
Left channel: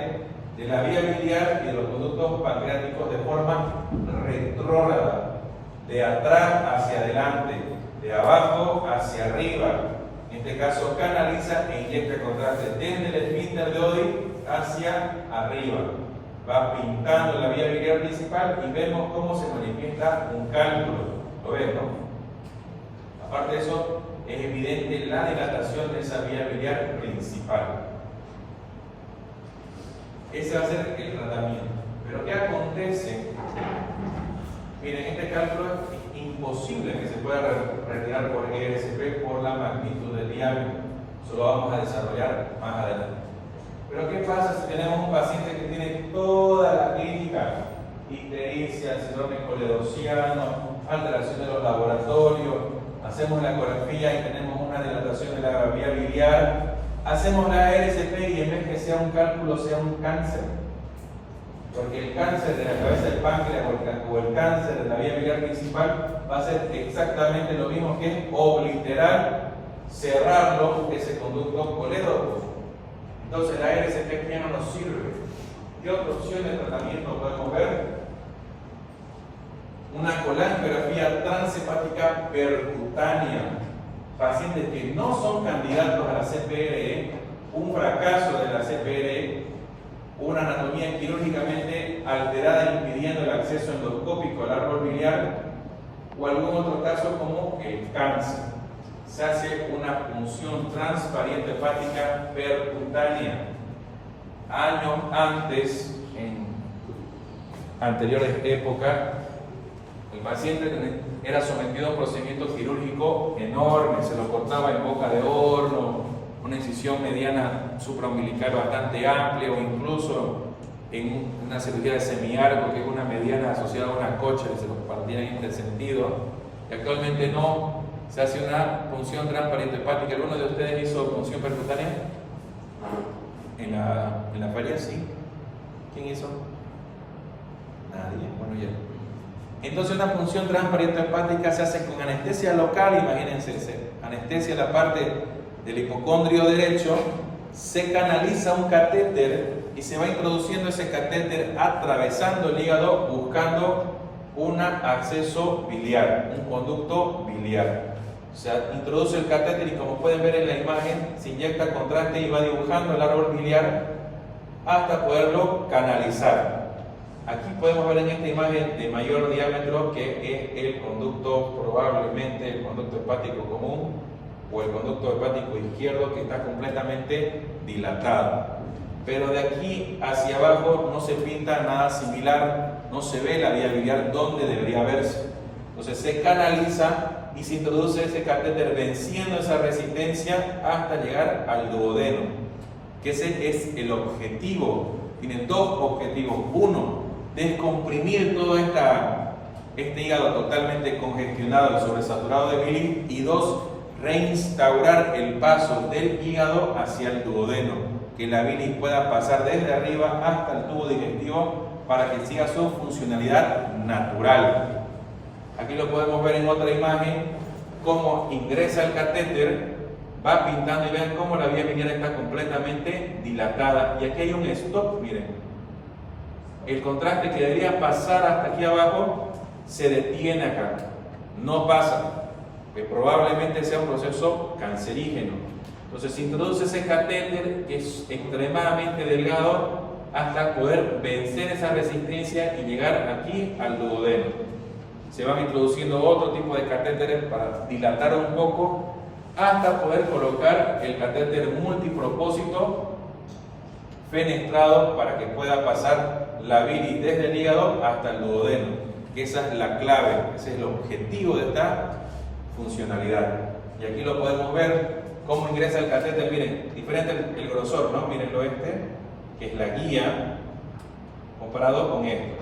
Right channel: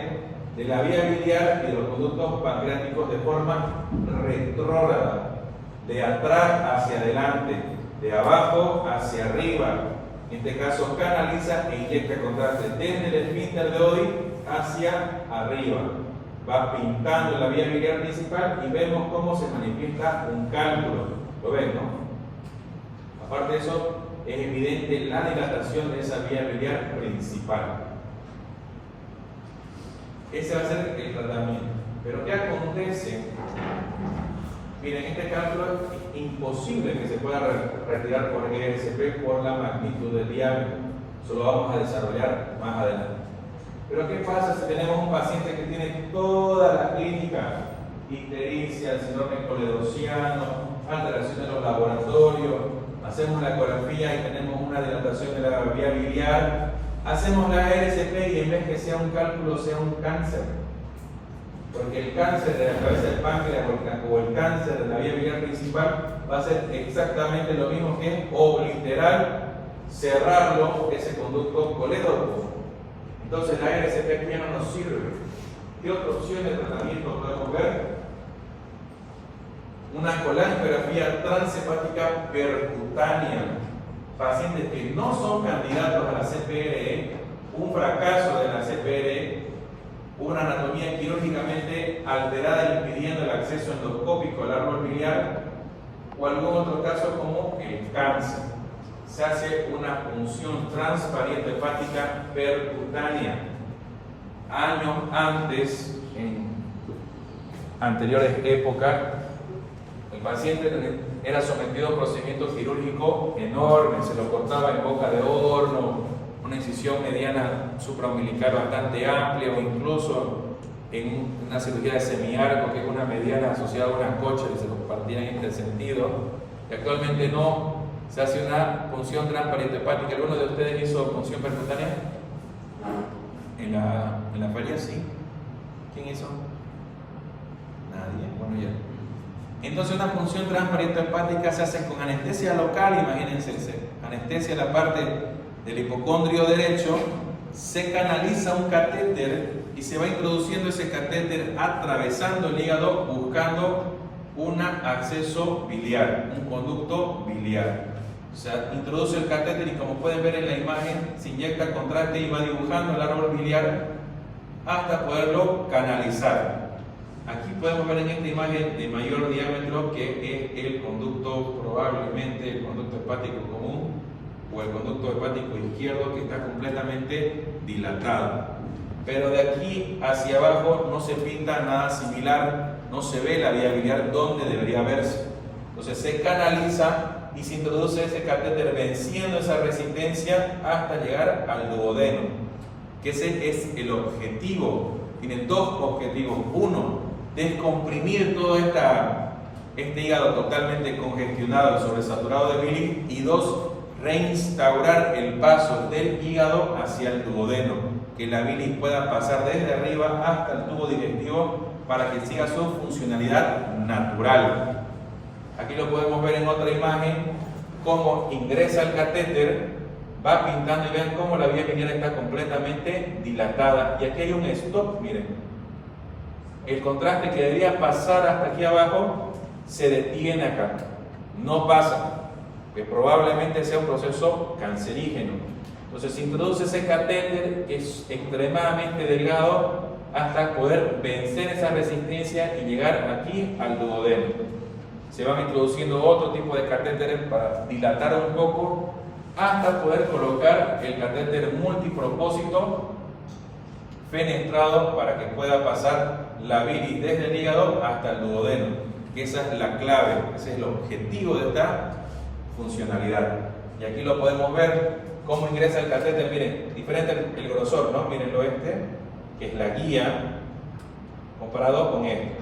de la vía biliar y de los conductos pancreáticos de forma retrógrada, de atrás hacia adelante, de abajo hacia arriba. En este caso canaliza e inyecta contraste desde el esfínter de Oddi hacia arriba. Va pintando la vía biliar principal y vemos cómo se manifiesta un cálculo. ¿Lo ven, no? Aparte de eso, es evidente la dilatación de esa vía biliar principal. Ese va a ser el tratamiento. Pero ¿qué acontece? Miren, este cálculo es imposible que se pueda retirar por ERCP por la magnitud del diámetro. Eso lo vamos a desarrollar más adelante. Pero ¿qué pasa si tenemos un paciente que tiene toda la clínica? Ictericia, síndrome coledociano, alteración de los laboratorios, hacemos la ecografía y tenemos una dilatación de la vía biliar, hacemos la ERCP y en vez que sea un cálculo, sea un cáncer. Porque el cáncer de la cabeza del páncreas o el cáncer de la vía biliar principal va a ser exactamente lo mismo que obliterar, cerrarlo, ese conducto colédoco. Entonces la ERCP ya no nos sirve. ¿Qué otra opción de tratamiento podemos ver? Una colangiografía transhepática percutánea. Pacientes que no son candidatos a la CPRE, un fracaso de la CPRE, una anatomía quirúrgicamente alterada impidiendo el acceso endoscópico al árbol biliar, o algún otro caso como el cáncer. Se hace una punción transpariente hepática percutánea. Años antes, en anteriores épocas, el paciente era sometido a un procedimiento quirúrgico enorme, se lo cortaba en boca de horno, una incisión mediana supraumbilical bastante amplia, o incluso en una cirugía de semiarco, que es una mediana asociada a una cocha que se lo partían en este sentido. Y actualmente no, se hace una punción transpariente hepática. ¿Alguno de ustedes hizo punción percutánea? En la feria, sí. ¿Quién hizo? Nadie. Bueno, ya. Entonces, una punción transpariente hepática se hace con anestesia local. Imagínense, anestesia en la parte del hipocondrio derecho, se canaliza un catéter y se va introduciendo ese catéter atravesando el hígado buscando un acceso biliar, un conducto biliar. O sea, introduce el catéter y, como pueden ver en la imagen, se inyecta el contraste y va dibujando el árbol biliar hasta poderlo canalizar. Aquí podemos ver en esta imagen de mayor diámetro que es el conducto, probablemente el conducto hepático común o el conducto hepático izquierdo, que está completamente dilatado. Pero de aquí hacia abajo no se pinta nada similar, no se ve la vía biliar donde debería verse. Entonces se canaliza y se introduce ese catéter venciendo esa resistencia hasta llegar al duodeno, que ese es el objetivo. Tiene dos objetivos: uno, descomprimir todo este hígado totalmente congestionado y sobresaturado de bilis, y dos, reinstaurar el paso del hígado hacia el duodeno, que la bilis pueda pasar desde arriba hasta el tubo digestivo para que siga su funcionalidad natural. Aquí lo podemos ver en otra imagen, cómo ingresa el catéter, va pintando, y vean cómo la vía biliar está completamente dilatada. Y aquí hay un stop, miren. El contraste que debería pasar hasta aquí abajo se detiene acá, no pasa, que probablemente sea un proceso cancerígeno. Entonces se introduce ese catéter, que es extremadamente delgado, hasta poder vencer esa resistencia y llegar aquí al duodeno. Se van introduciendo otro tipo de catéteres para dilatar un poco, hasta poder colocar el catéter multipropósito fenestrado para que pueda pasar la bilis desde el hígado hasta el duodeno, que esa es la clave, ese es el objetivo de esta funcionalidad. Y aquí lo podemos ver cómo ingresa el catéter. Miren, diferente el grosor, ¿no? Miren que es la guía, comparado con este.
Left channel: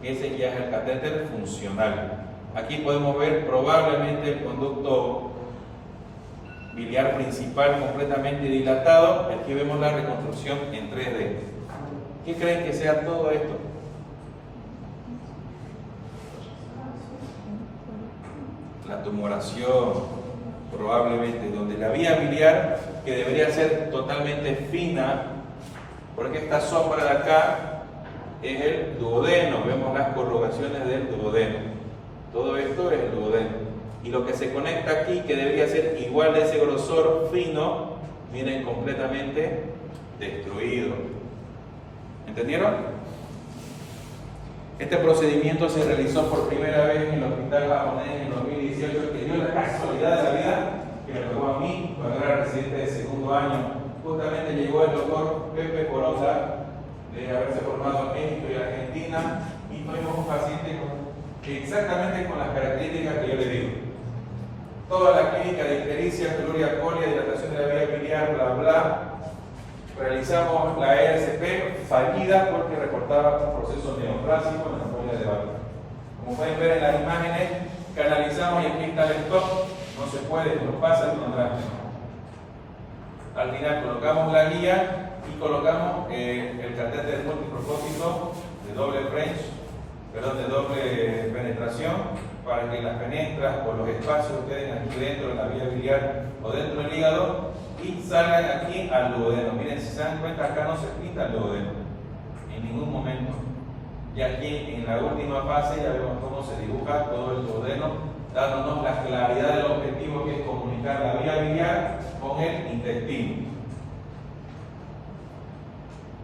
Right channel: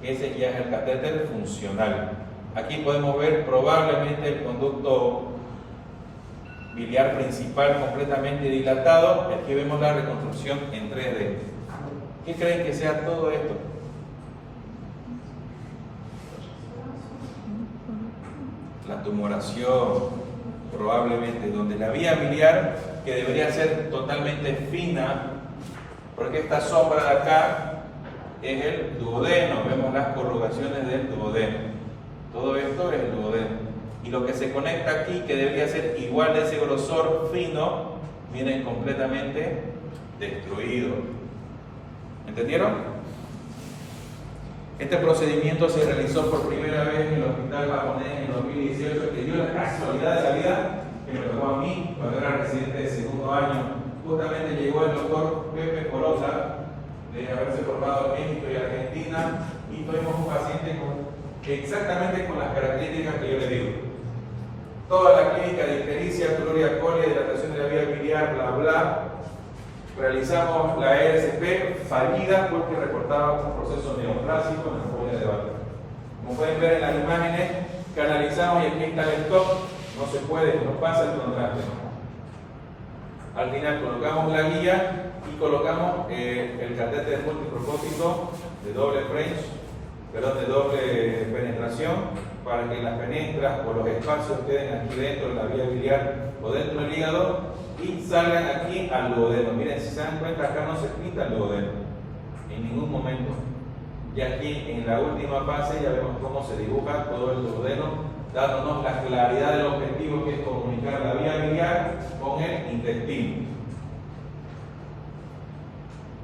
Ese ya es el catéter funcional. Aquí podemos ver probablemente el conducto biliar principal completamente dilatado, y aquí vemos la reconstrucción en 3D. ¿Qué creen que sea todo esto? La tumoración, probablemente, donde la vía biliar, que debería ser totalmente fina, porque esta sombra de acá es el duodeno, vemos las corrugaciones del duodeno. Todo esto es el duodeno. Y lo que se conecta aquí, que debería ser igual de ese grosor fino, viene completamente destruido. ¿Entendieron? Este procedimiento se realizó por primera vez en el hospital japonés en el 2018, que dio la casualidad de la vida que me tocó a mí cuando era residente de segundo año. Justamente llegó el doctor Pepe Corosa, de haberse formado en México y Argentina, y tuvimos un paciente exactamente con las características que yo le digo. Toda la clínica de ictericia, cloria colia, dilatación de la vía biliar, bla bla. Realizamos la ESP fallida porque reportaba un proceso neoplásico en la folla de Barber. Como pueden ver en las imágenes, canalizamos y aquí está el stop, no se puede, nos pasa el contraste. Al final colocamos la guía y colocamos el catéter multipropósito de doble de doble penetración, para que las penetras o los espacios queden aquí dentro de la vía biliar o dentro del hígado y salgan aquí al duodeno. Miren, si se dan cuenta, acá no se pinta el duodeno en ningún momento. Y aquí en la última fase ya vemos cómo se dibuja todo el duodeno, dándonos la claridad del objetivo, que es comunicar la vía biliar con el intestino.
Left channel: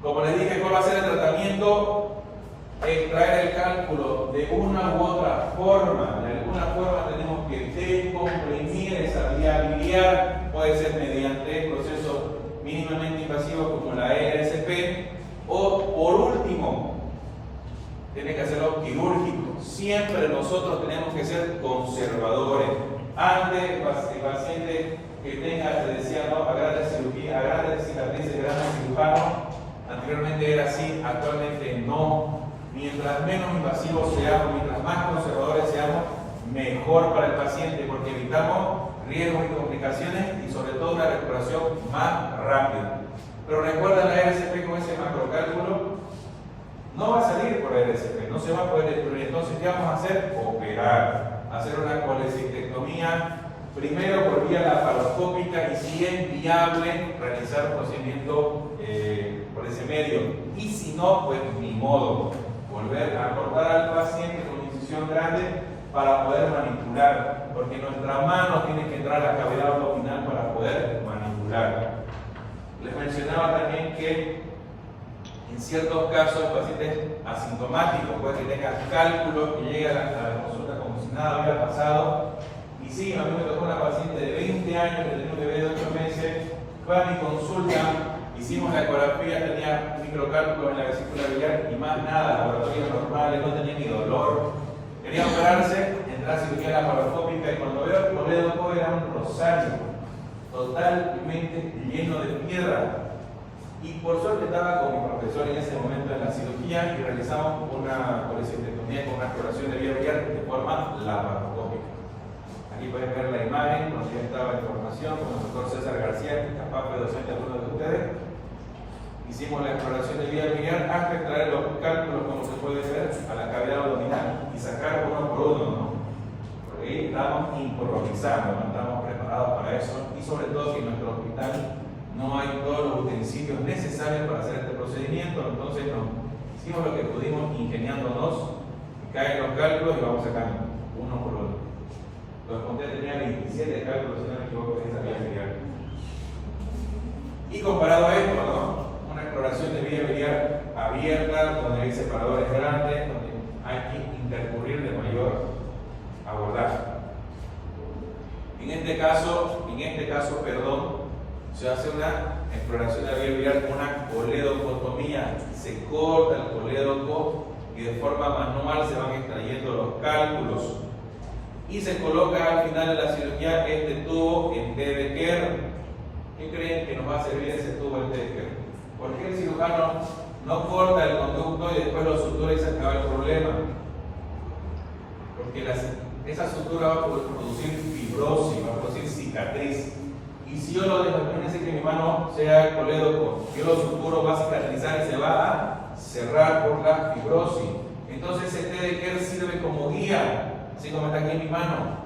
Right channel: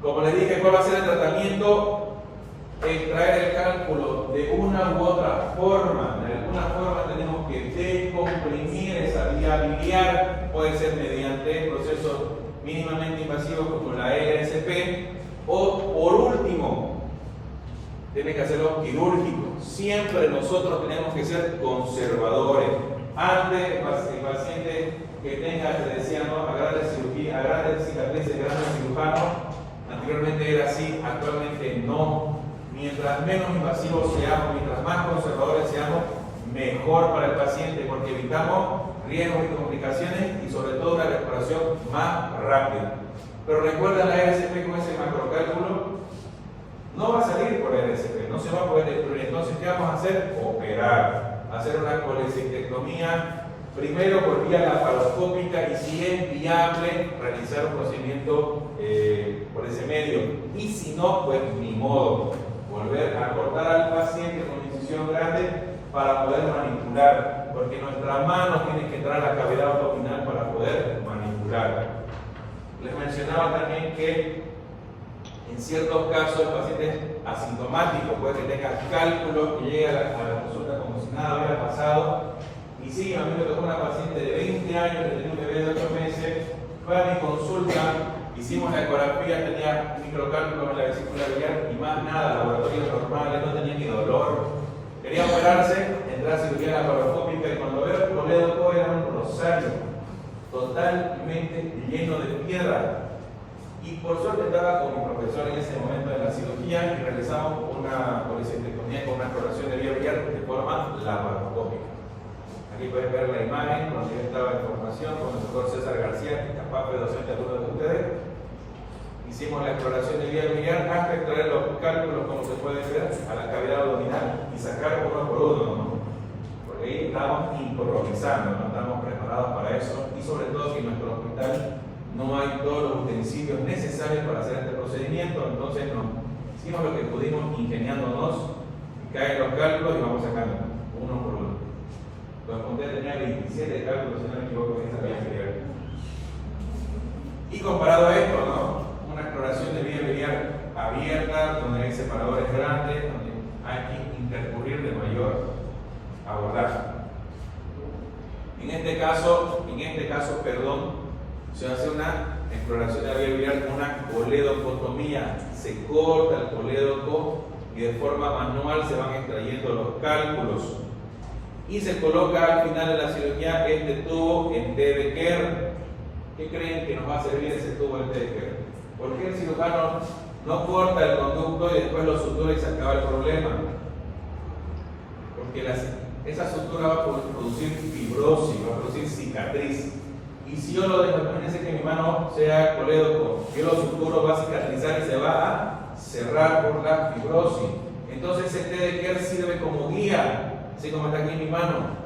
Como les dije, ¿cuál va a ser el tratamiento? Extraer el cálculo de una u otra forma. De alguna forma tenemos que descomprimir esa vía biliar, puede ser mediante procesos mínimamente invasivos como la ERCP, o por último, tiene que hacerlo quirúrgico. Siempre nosotros tenemos que ser conservadores. Antes el paciente que tenga, te decía, no, agrade cirugía, agrade cicatrices, grandes cirujanos, anteriormente era así, actualmente no. Mientras menos invasivos seamos, mientras más conservadores seamos, mejor para el paciente, porque evitamos riesgos y complicaciones y sobre todo una recuperación más rápida. Pero recuerda, la RCP con ese macrocálculo no va a salir por la RCP, no se va a poder excluir. Entonces, ¿qué vamos a hacer? Operar, hacer una colecistectomía, primero por vía laparoscópica y si es viable, realizar un procedimiento por ese medio. Y si no, pues ni modo, volver a cortar al paciente con incisión grande para poder manipular, porque nuestra mano tiene que entrar a la cavidad abdominal para poder manipular. Les mencionaba también que en ciertos casos el paciente asintomático puede que tenga cálculos, que llegue a la consulta como si nada hubiera pasado. Y sí, a mí me tocó una paciente de 20 años que tenía un bebé de 8 meses, fue a mi consulta, hicimos la ecografía, tenía microcálculos en la vesícula biliar y más nada, laboratorios normales, no tenía ni dolor. Quería operarse, entrar a cirugía laparoscópica y cuando veo el colédoco era un rosario totalmente lleno de piedra. Y por suerte estaba con mi profesor en ese momento de la cirugía y realizamos una colecistectomía con una exploración de vía biliar de forma laparoscópica. Aquí pueden ver la imagen, donde yo estaba en formación con el doctor César García, que capaz fue docente de algunos de ustedes. Hicimos la exploración de vía biliar hasta extraer los cálculos, como se puede ver, a la cavidad abdominal y sacar uno por uno, ¿no? Porque ahí estábamos improvisando, no estábamos preparados para eso y sobre todo que en nuestro hospital no hay todos los utensilios necesarios para hacer este procedimiento, entonces hicimos lo que pudimos ingeniándonos, caen los cálculos y vamos sacando uno por uno. Los conté, tenía 27 cálculos, si no me equivoco, en esta vía biliar. Y comparado a esto, ¿no? Una exploración de vía biliar abierta, donde hay separadores grandes, donde hay que intercurrir de mayor abordaje. En este caso, se hace una exploración de la vía biliar con una coledocotomía. Se corta el colédoco y de forma manual se van extrayendo los cálculos. Y se coloca al final de la cirugía este tubo en T de Kerr. ¿Qué creen que nos va a servir ese tubo en T de Kerr? ¿Por qué el cirujano no corta el conducto y después lo sutura y se acaba el problema? Porque esa sutura va a producir fibrosis, va a producir cicatriz. Y si yo lo dejo, imagínense que mi mano sea colédoco, yo lo suturo, va a cicatrizar y se va a cerrar por la fibrosis. Entonces ese T de Kerr sirve como guía. Así como está aquí en mi mano,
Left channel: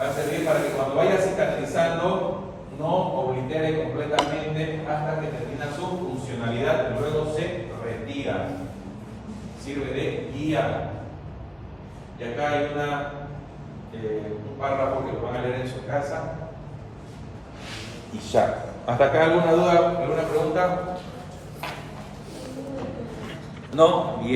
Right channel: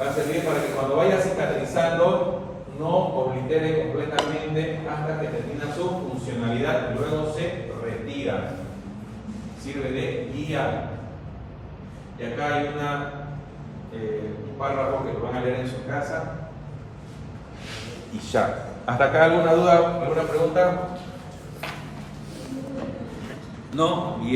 va a servir para que cuando vaya cicatrizando no oblitere completamente hasta que termina su funcionalidad y luego se retira. Sirve de guía. Y acá hay un párrafo que lo van a leer en su casa. Y ya. ¿Hasta acá alguna duda, alguna pregunta? No, bien.